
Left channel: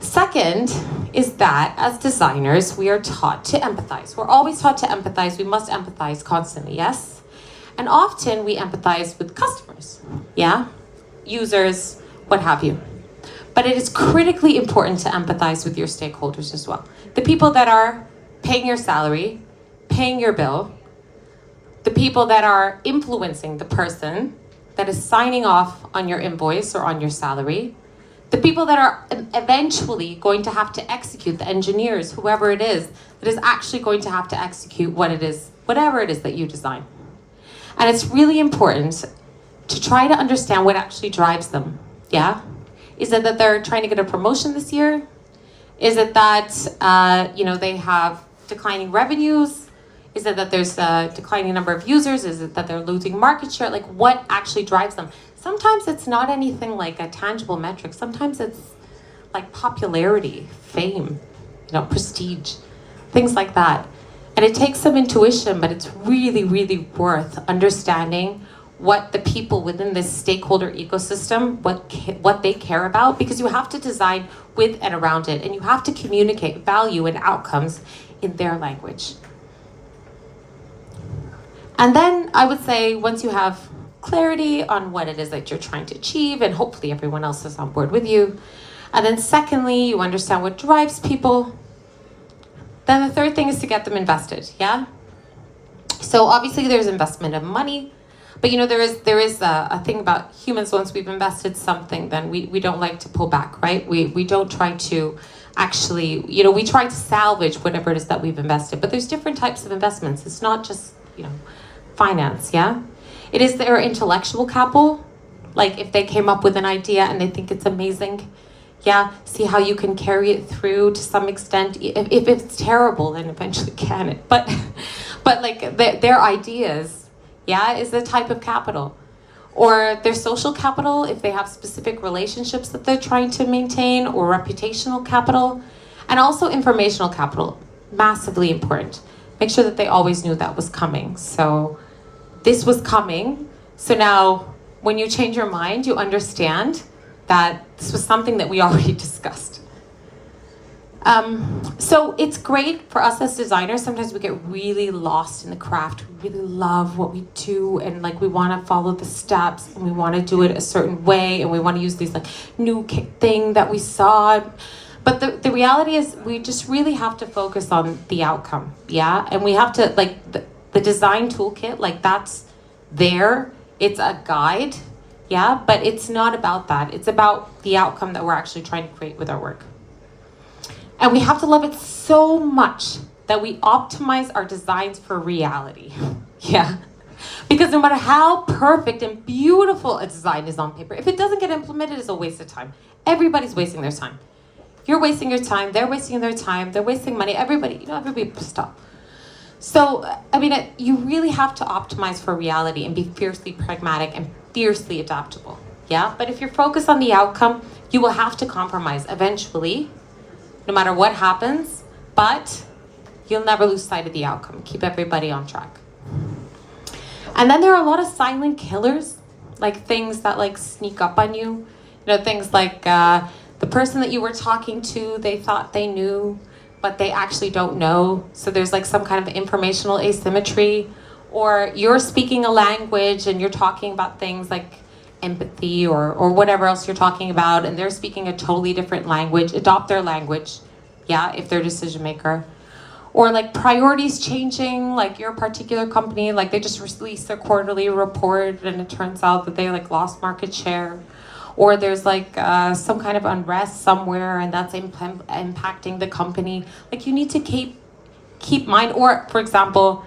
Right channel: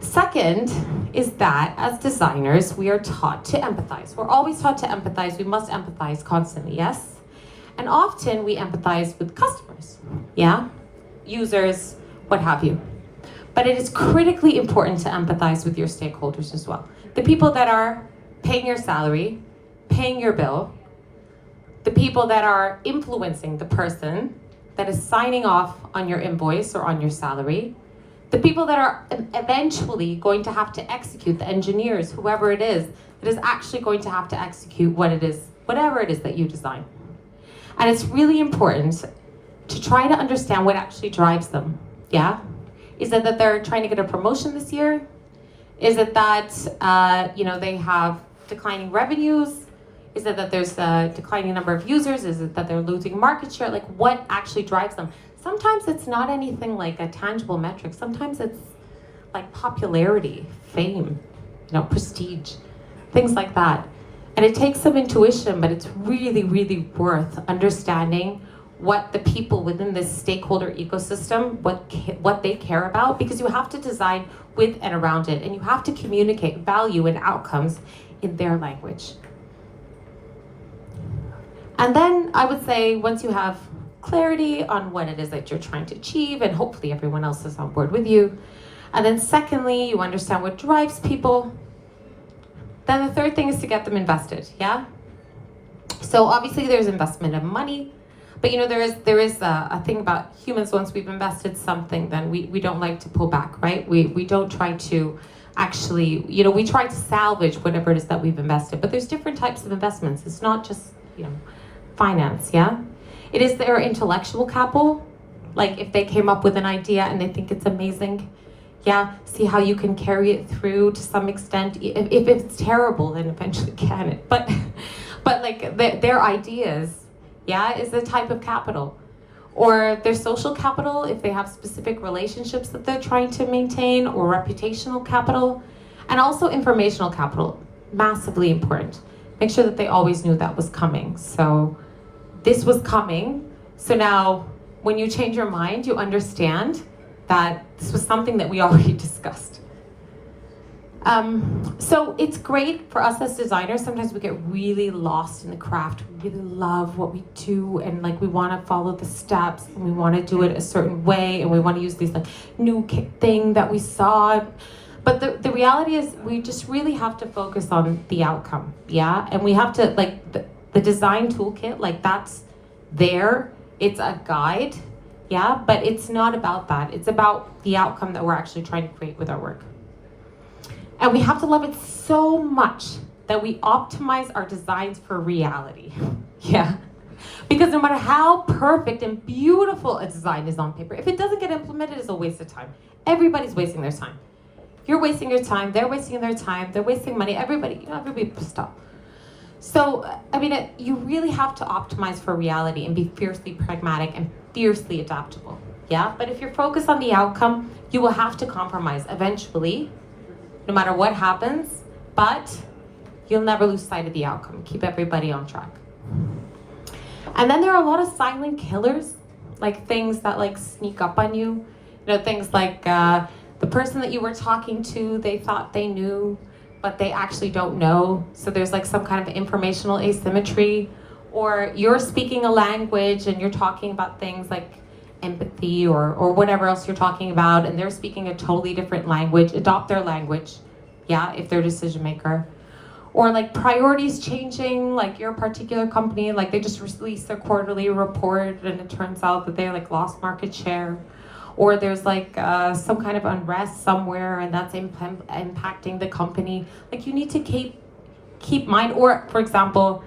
Second is that as designers, we are taught to empathize. We're always taught to empathize. We must empathize constantly, yes? And often we empathize with customers, yeah? Users, what have you. But it is critically important to empathize with your stakeholders as well. The people that are paying your salary, paying your bill, the people that are influencing the person that is signing off on your invoice or on your salary, the people that are eventually going to have to execute, the engineers, whoever it is, that is actually going to have to execute whatever it is that you design. And it's really important to try to understand what actually drives them, yeah? Is it that they're trying to get a promotion this year? Is it that, they have declining revenues? Is it that there's a declining number of users? Is it that they're losing market share? Like, what actually drives them? Sometimes it's not anything like a tangible metric. Sometimes it's like popularity, fame, prestige, things like that. And it takes some intuition, but it's really, really worth understanding what the people within this stakeholder ecosystem, what they care about, because you have to design with and around it, and you have to communicate value and outcomes in their language. And then I would say once you have clarity on what it is that you're trying to achieve, and hopefully everyone else is on board with you, and then secondly, you understand what drives people, then the third thing is to get them invested, yeah? So obviously there's investment of money, but there is a thing about humans. Once we've invested something, then we don't like to pull back, right? We don't try to actually, we try to salvage whatever it is that we've invested, but there's different types of investments. It's not just, finance, yeah? It is their intellectual capital. Like if they came up with an idea and they think it's amazing, yeah, see how you can carry it through to some extent. If it's terrible, then eventually can it. But like their ideas, yeah, is the type of capital. Or their social capital, if they have specific relationships that they're trying to maintain, or reputational capital, and also informational capital, massively important. Make sure that they always knew that was coming. So this was coming. So now when you change your mind, you understand that this was something that we already discussed. So it's great for us as designers. Sometimes we get really lost in the craft. We really love what we do, and like we want to follow the steps, and we want to do it a certain way, and we want to use these like new thing that we saw. But the reality is we just really have to focus on the outcome, yeah? And we have to, like, the design toolkit, like, that's there. It's a guide, yeah? But it's not about that. It's about the outcome that we're actually trying to create with our work. And we have to love it so much that we optimize our designs for reality, yeah? Because no matter how perfect and beautiful a design is on paper, if it doesn't get implemented, it's a waste of time. Everybody's wasting their time. You're wasting your time, they're wasting their time, they're wasting money, everybody pissed off. So, I mean, you really have to optimize for reality and be fiercely pragmatic and fiercely adaptable, yeah? But if you're focused on the outcome, you will have to compromise eventually, no matter what happens, but you'll never lose sight of the outcome. Keep everybody on track. And then there are a lot of silent killers, like things that like sneak up on you. You know, things like the person that you were talking to, they thought they knew, but they actually don't know. So there's like some kind of informational asymmetry. Or you're speaking a language and you're talking about things like empathy or whatever else you're talking about, and they're speaking a totally different language. Adopt their language, yeah, if they're a decision maker. Or like priorities changing, like your particular company, like they just released their quarterly report and it turns out that they like lost market share. Or there's like some kind of unrest somewhere and that's impacting the company. Like you need to keep mind, or for example,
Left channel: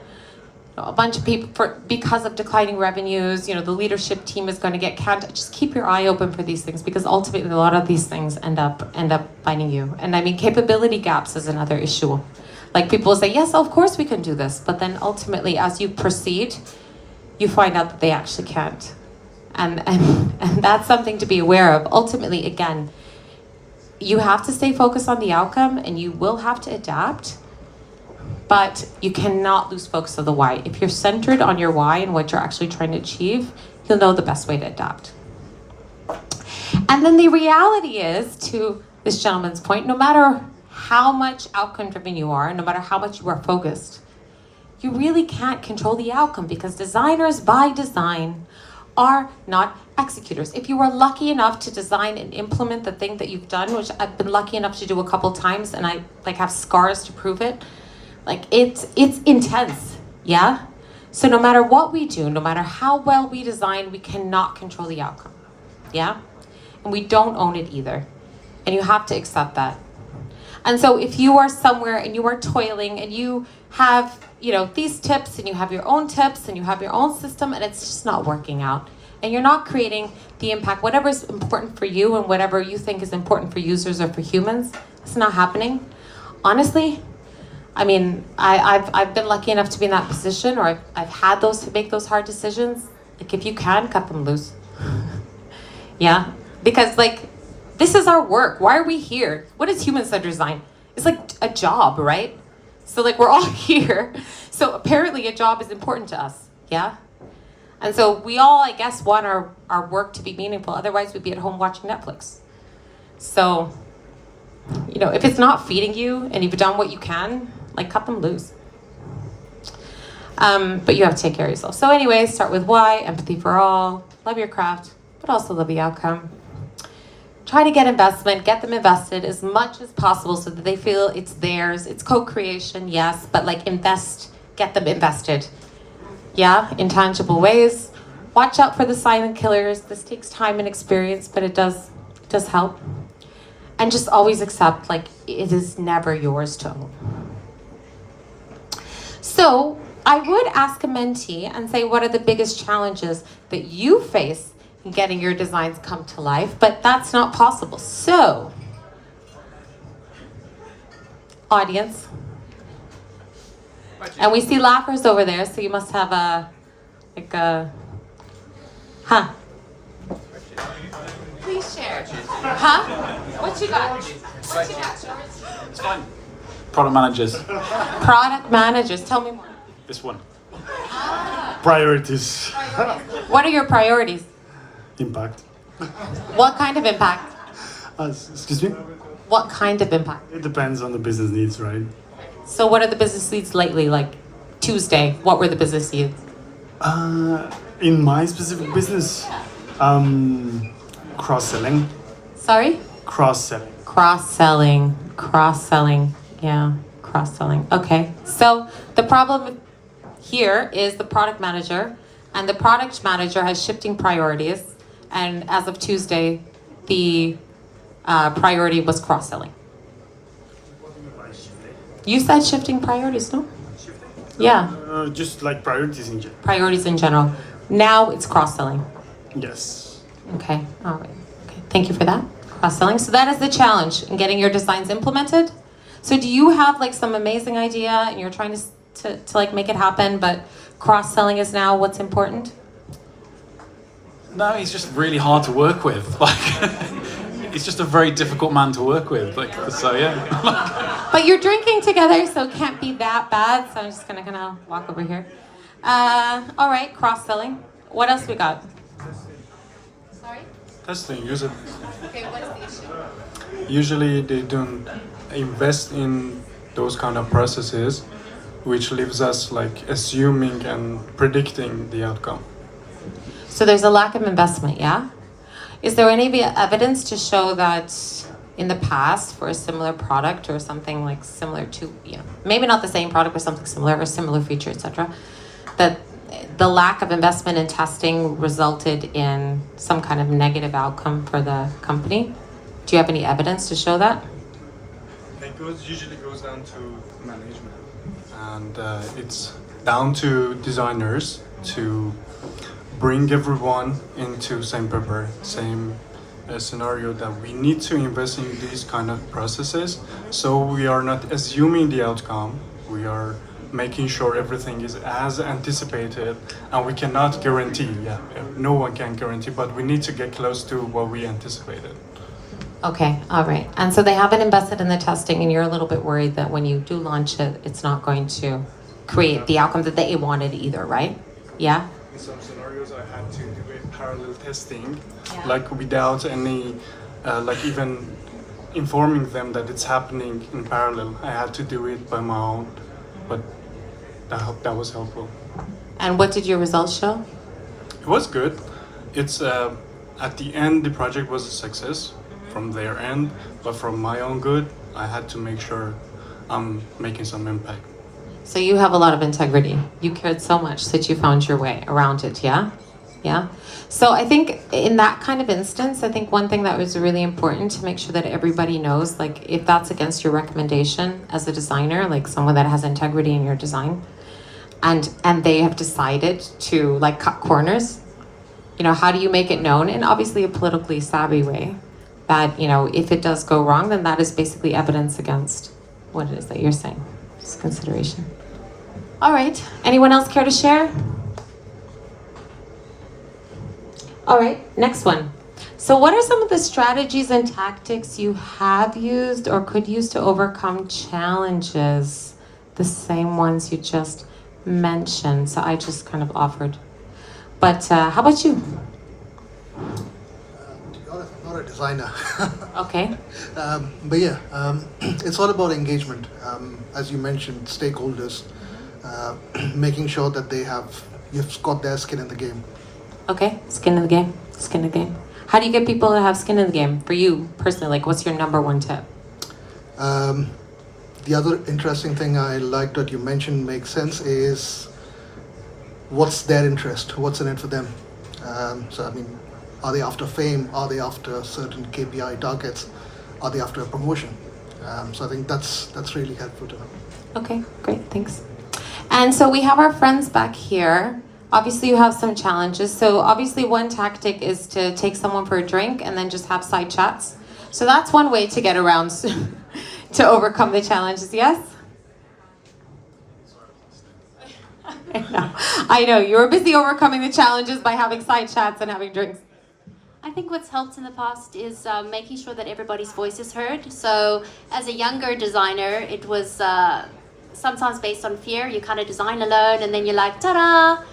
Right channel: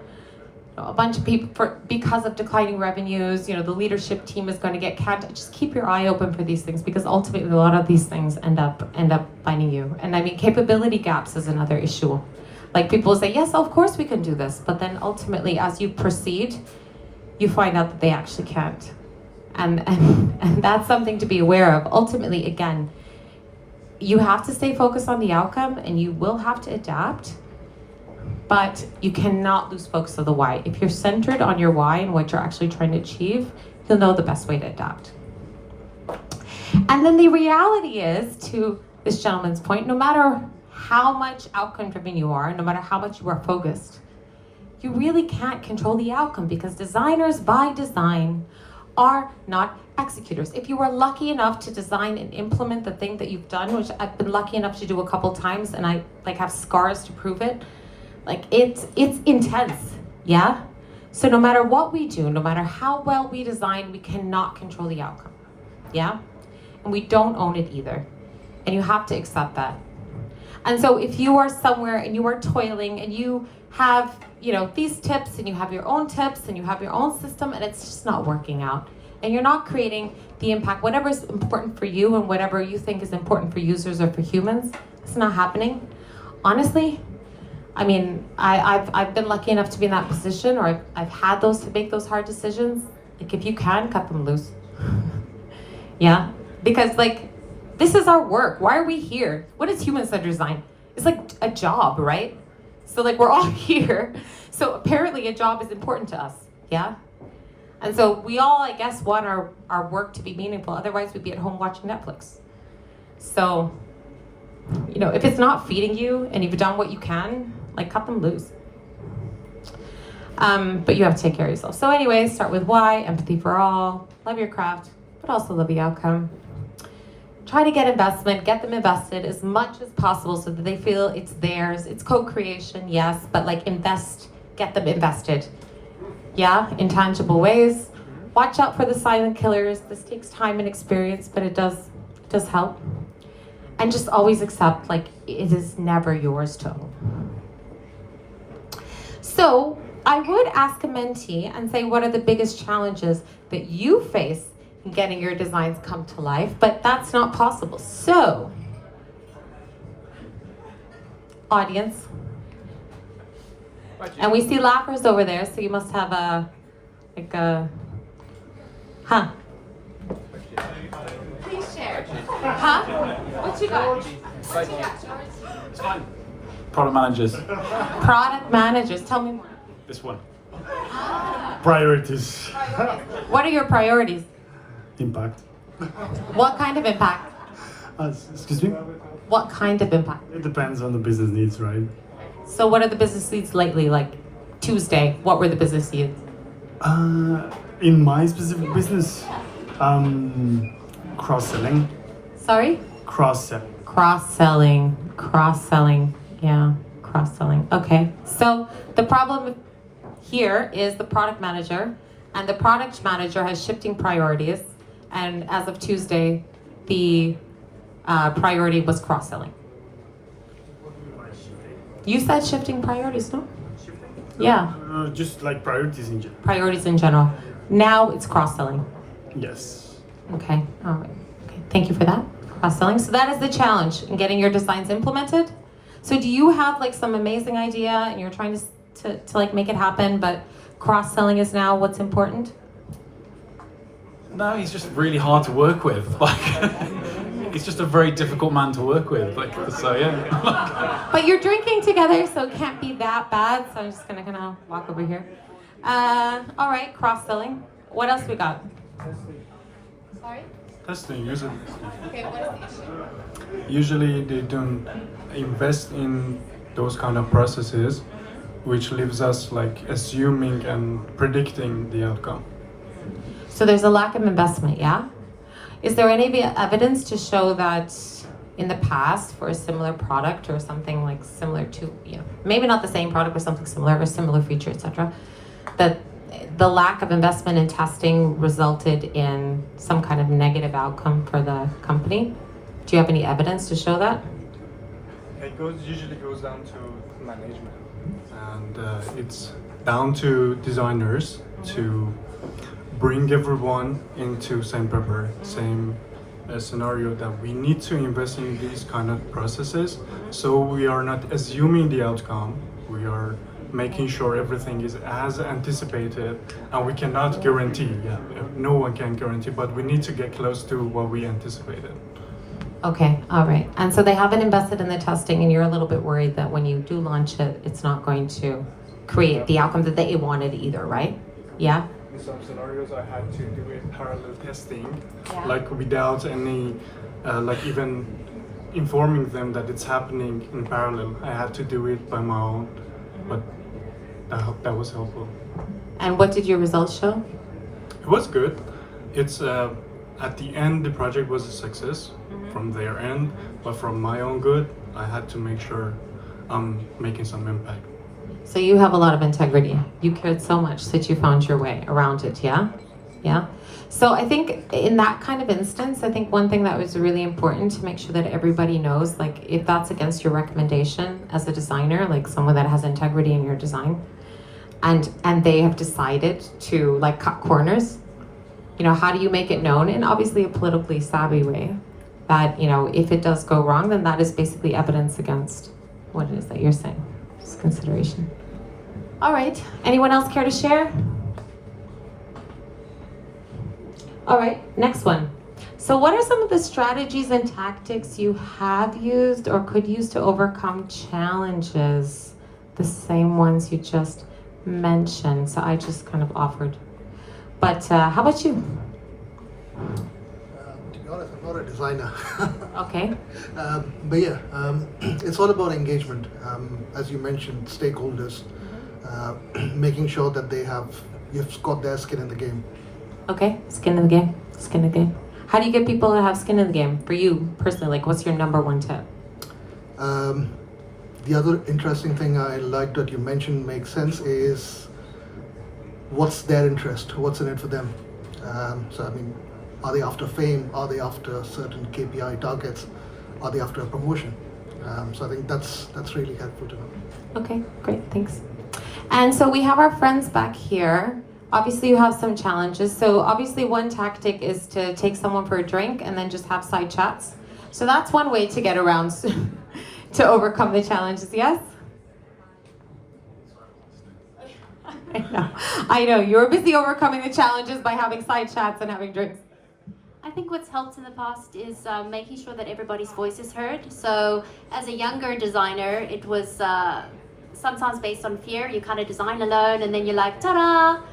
a bunch of people, because of declining revenues, you know, the leadership team is going to get canned. Just keep your eye open for these things, because ultimately a lot of these things end up finding you. And I mean, capability gaps is another issue. Like people will say, yes, of course we can do this. But then ultimately, as you proceed, you find out that they actually can't. And that's something to be aware of. Ultimately, again, you have to stay focused on the outcome and you will have to adapt, but you cannot lose focus of the why. If you're centered on your why and what you're actually trying to achieve, you'll know the best way to adapt. And then the reality is, to this gentleman's point, no matter how much outcome driven you are, no matter how much you are focused, you really can't control the outcome, because designers by design are not executors. If you were lucky enough to design and implement the thing that you've done, which I've been lucky enough to do a couple times and I like have scars to prove it, like it's intense, yeah? So no matter what we do, no matter how well we design, we cannot control the outcome, yeah? And we don't own it either. And you have to accept that. And so if you are somewhere and you are toiling and you have, you know, these tips and you have your own tips and you have your own system and it's just not working out and you're not creating the impact, whatever is important for you and whatever you think is important for users or for humans, it's not happening. Honestly, I mean, I've been lucky enough to be in that position, or I've had to make those hard decisions. Like if you can, cut them loose. Yeah, because like, this is our work. Why are we here? What is human-centered design? It's like a job, right? So like we're all here. So apparently a job is important to us, yeah? And so we all, I guess, want our work to be meaningful. Otherwise we'd be at home watching Netflix. So, you know, if it's not feeding you and you've done what you can, like cut them loose. But you have to take care of yourself. So anyway, start with why, empathy for all, love your craft, but also love the outcome. Try to get investment, get them invested as much as possible so that they feel it's theirs. It's co-creation, yes, but like get them invested. Yeah, in tangible ways. Watch out for the silent killers. This takes time and experience, but it does help. And just always accept, like, it is never yours to own. So I would ask a mentee and say, what are the biggest challenges that you face getting your designs come to life? But that's not possible. So, audience, and we see laughers over there, so you must have please share. Huh? What you got? It's fine. Product managers. Product managers, tell me more. This one. Priorities. What are your priorities? Impact. What kind of impact? Excuse me? What kind of impact? It depends on the business needs, right? So what are the business needs lately? Like Tuesday, what were the business needs? In my specific business, cross-selling. Sorry? Cross-selling. Cross-selling, yeah, cross-selling. Okay, so the problem here is the product manager, and the product manager has shifting priorities, and as of Tuesday, the priority was cross-selling. You said shifting priorities, no? Yeah, Just like priorities in general. priorities in general. Now it's cross-selling. Yes. Okay, all right. Okay, thank you for that. Cross-selling. So that is the challenge in getting your designs implemented. So do you have like some amazing idea and you're trying to like make it happen, but cross-selling is now what's important? No, he's just really hard to work with. Like, he's just a very difficult man to work with. Like, so yeah. But you're drinking together, so it can't be that bad. So I'm just gonna kind of walk over here. All right, cross-selling. What else we got? Sorry? Testing usually. Okay, what is the issue? Usually they don't invest in those kind of processes, which leaves us like assuming and predicting the outcome. So there's a lack of investment, yeah? Is there any evidence to show that in the past for a similar product or something like similar to, you know, maybe not the same product but something similar or similar feature, etc., that the lack of investment in testing resulted in some kind of negative outcome for the company? Do you have any evidence to show that? Usually goes down to management, and it's down to designers to bring everyone into same paper, same scenario, that we need to invest in these kind of processes. So we are not assuming the outcome. We are making sure everything is as anticipated, and we cannot guarantee. Yeah, no one can guarantee, but we need to get close to what we anticipated. Okay, all right. And so they haven't invested in the testing, and you're a little bit worried that when you do launch it, it's not going to create the outcome that they wanted either, right? Yeah? In some scenarios, I had to do a parallel testing, Yeah. like without any, like even informing them that it's happening in parallel. I had to do it by my own, but that was helpful. And what did your results show? It was good. It's at the end, the project was a success from their end, but from my own good, I had to make sure I'm making some impact. So you have a lot of integrity. You cared so much that you found your way around it, yeah? Yeah? So I think in that kind of instance, I think one thing that was really important to make sure that everybody knows, like if that's against your recommendation as a designer, like someone that has integrity in your design, and they have decided to like cut corners, you know, how do you make it known in obviously a politically savvy way that, you know, if it does go wrong, then that is basically evidence against what it is that you're saying. Just consideration. All right. Anyone else care to share? All right. Next one. So what are some of the strategies and tactics you have used or could use to overcome challenges? The same ones you just mentioned. So I just kind of offered. But how about you? To be honest, I'm not a designer. Okay. But yeah, it's all about engagement. As you mentioned, stakeholders, making sure that you've got their skin in the game. Okay. Skin in the game. Skin in the game. How do you get people to have skin in the game? For you personally, like what's your number one tip? The other interesting thing I like that you mentioned makes sense is what's their interest? What's in it for them? So I mean, are they after fame? Are they after certain KPI targets? Are they after a promotion? So I think that's really helpful to know. Okay, great, thanks. And so we have our friends back here. Obviously you have some challenges. So obviously one tactic is to take someone for a drink and then just have side chats. So that's one way to get around to overcome the challenges, yes? I know, you're busy overcoming the challenges by having side chats and having drinks. I think what's helped in the past is making sure that everybody's voice is heard. So as a younger designer, it was sometimes based on fear. You kind of design alone and then you're like, ta-da!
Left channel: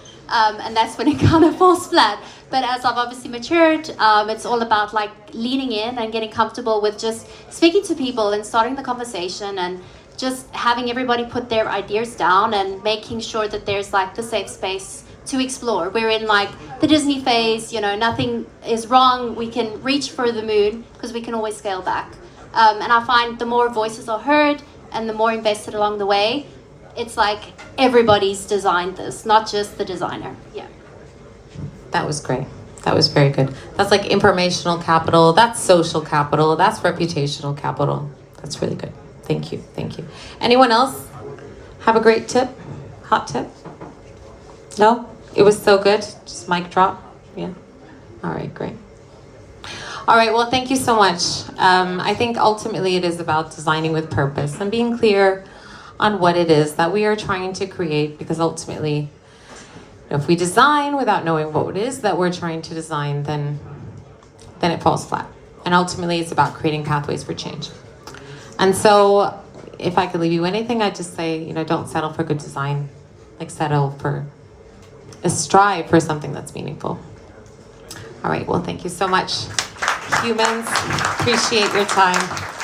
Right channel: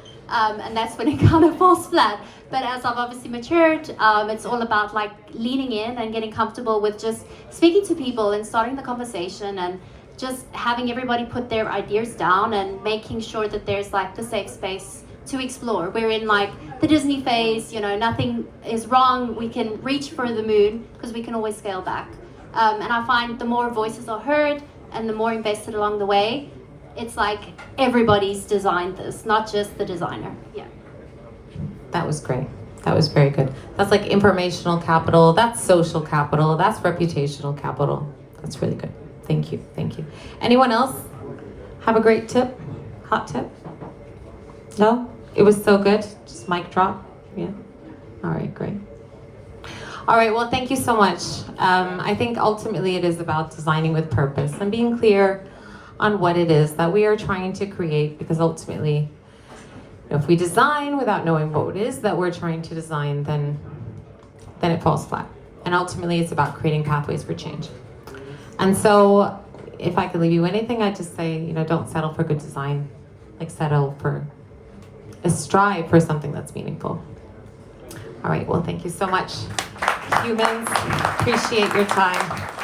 And that's when it kind of falls flat. But as I've obviously matured, it's all about like leaning in and getting comfortable with just speaking to people and starting the conversation and just having everybody put their ideas down and making sure that there's like the safe space to explore. We're in like the Disney phase, you know, nothing is wrong. We can reach for the moon because we can always scale back. And I find the more voices are heard and the more invested along the way, it's like everybody's designed this, not just the designer. Yeah. That was great. That was very good. That's like informational capital, that's social capital, that's reputational capital. That's really good. Thank you, thank you. Anyone else have a great tip? Hot tip? No? It was so good? Just mic drop? Yeah? All right, great. All right, well, thank you so much. I think ultimately it is about designing with purpose and being clear on what it is that we are trying to create, because ultimately, if we design without knowing what it is that we're trying to design, then it falls flat. And ultimately, it's about creating pathways for change. And so, if I could leave you anything, I'd just say, don't settle for good design. Like, strive for something that's meaningful. All right, well, thank you so much, humans. Appreciate your time.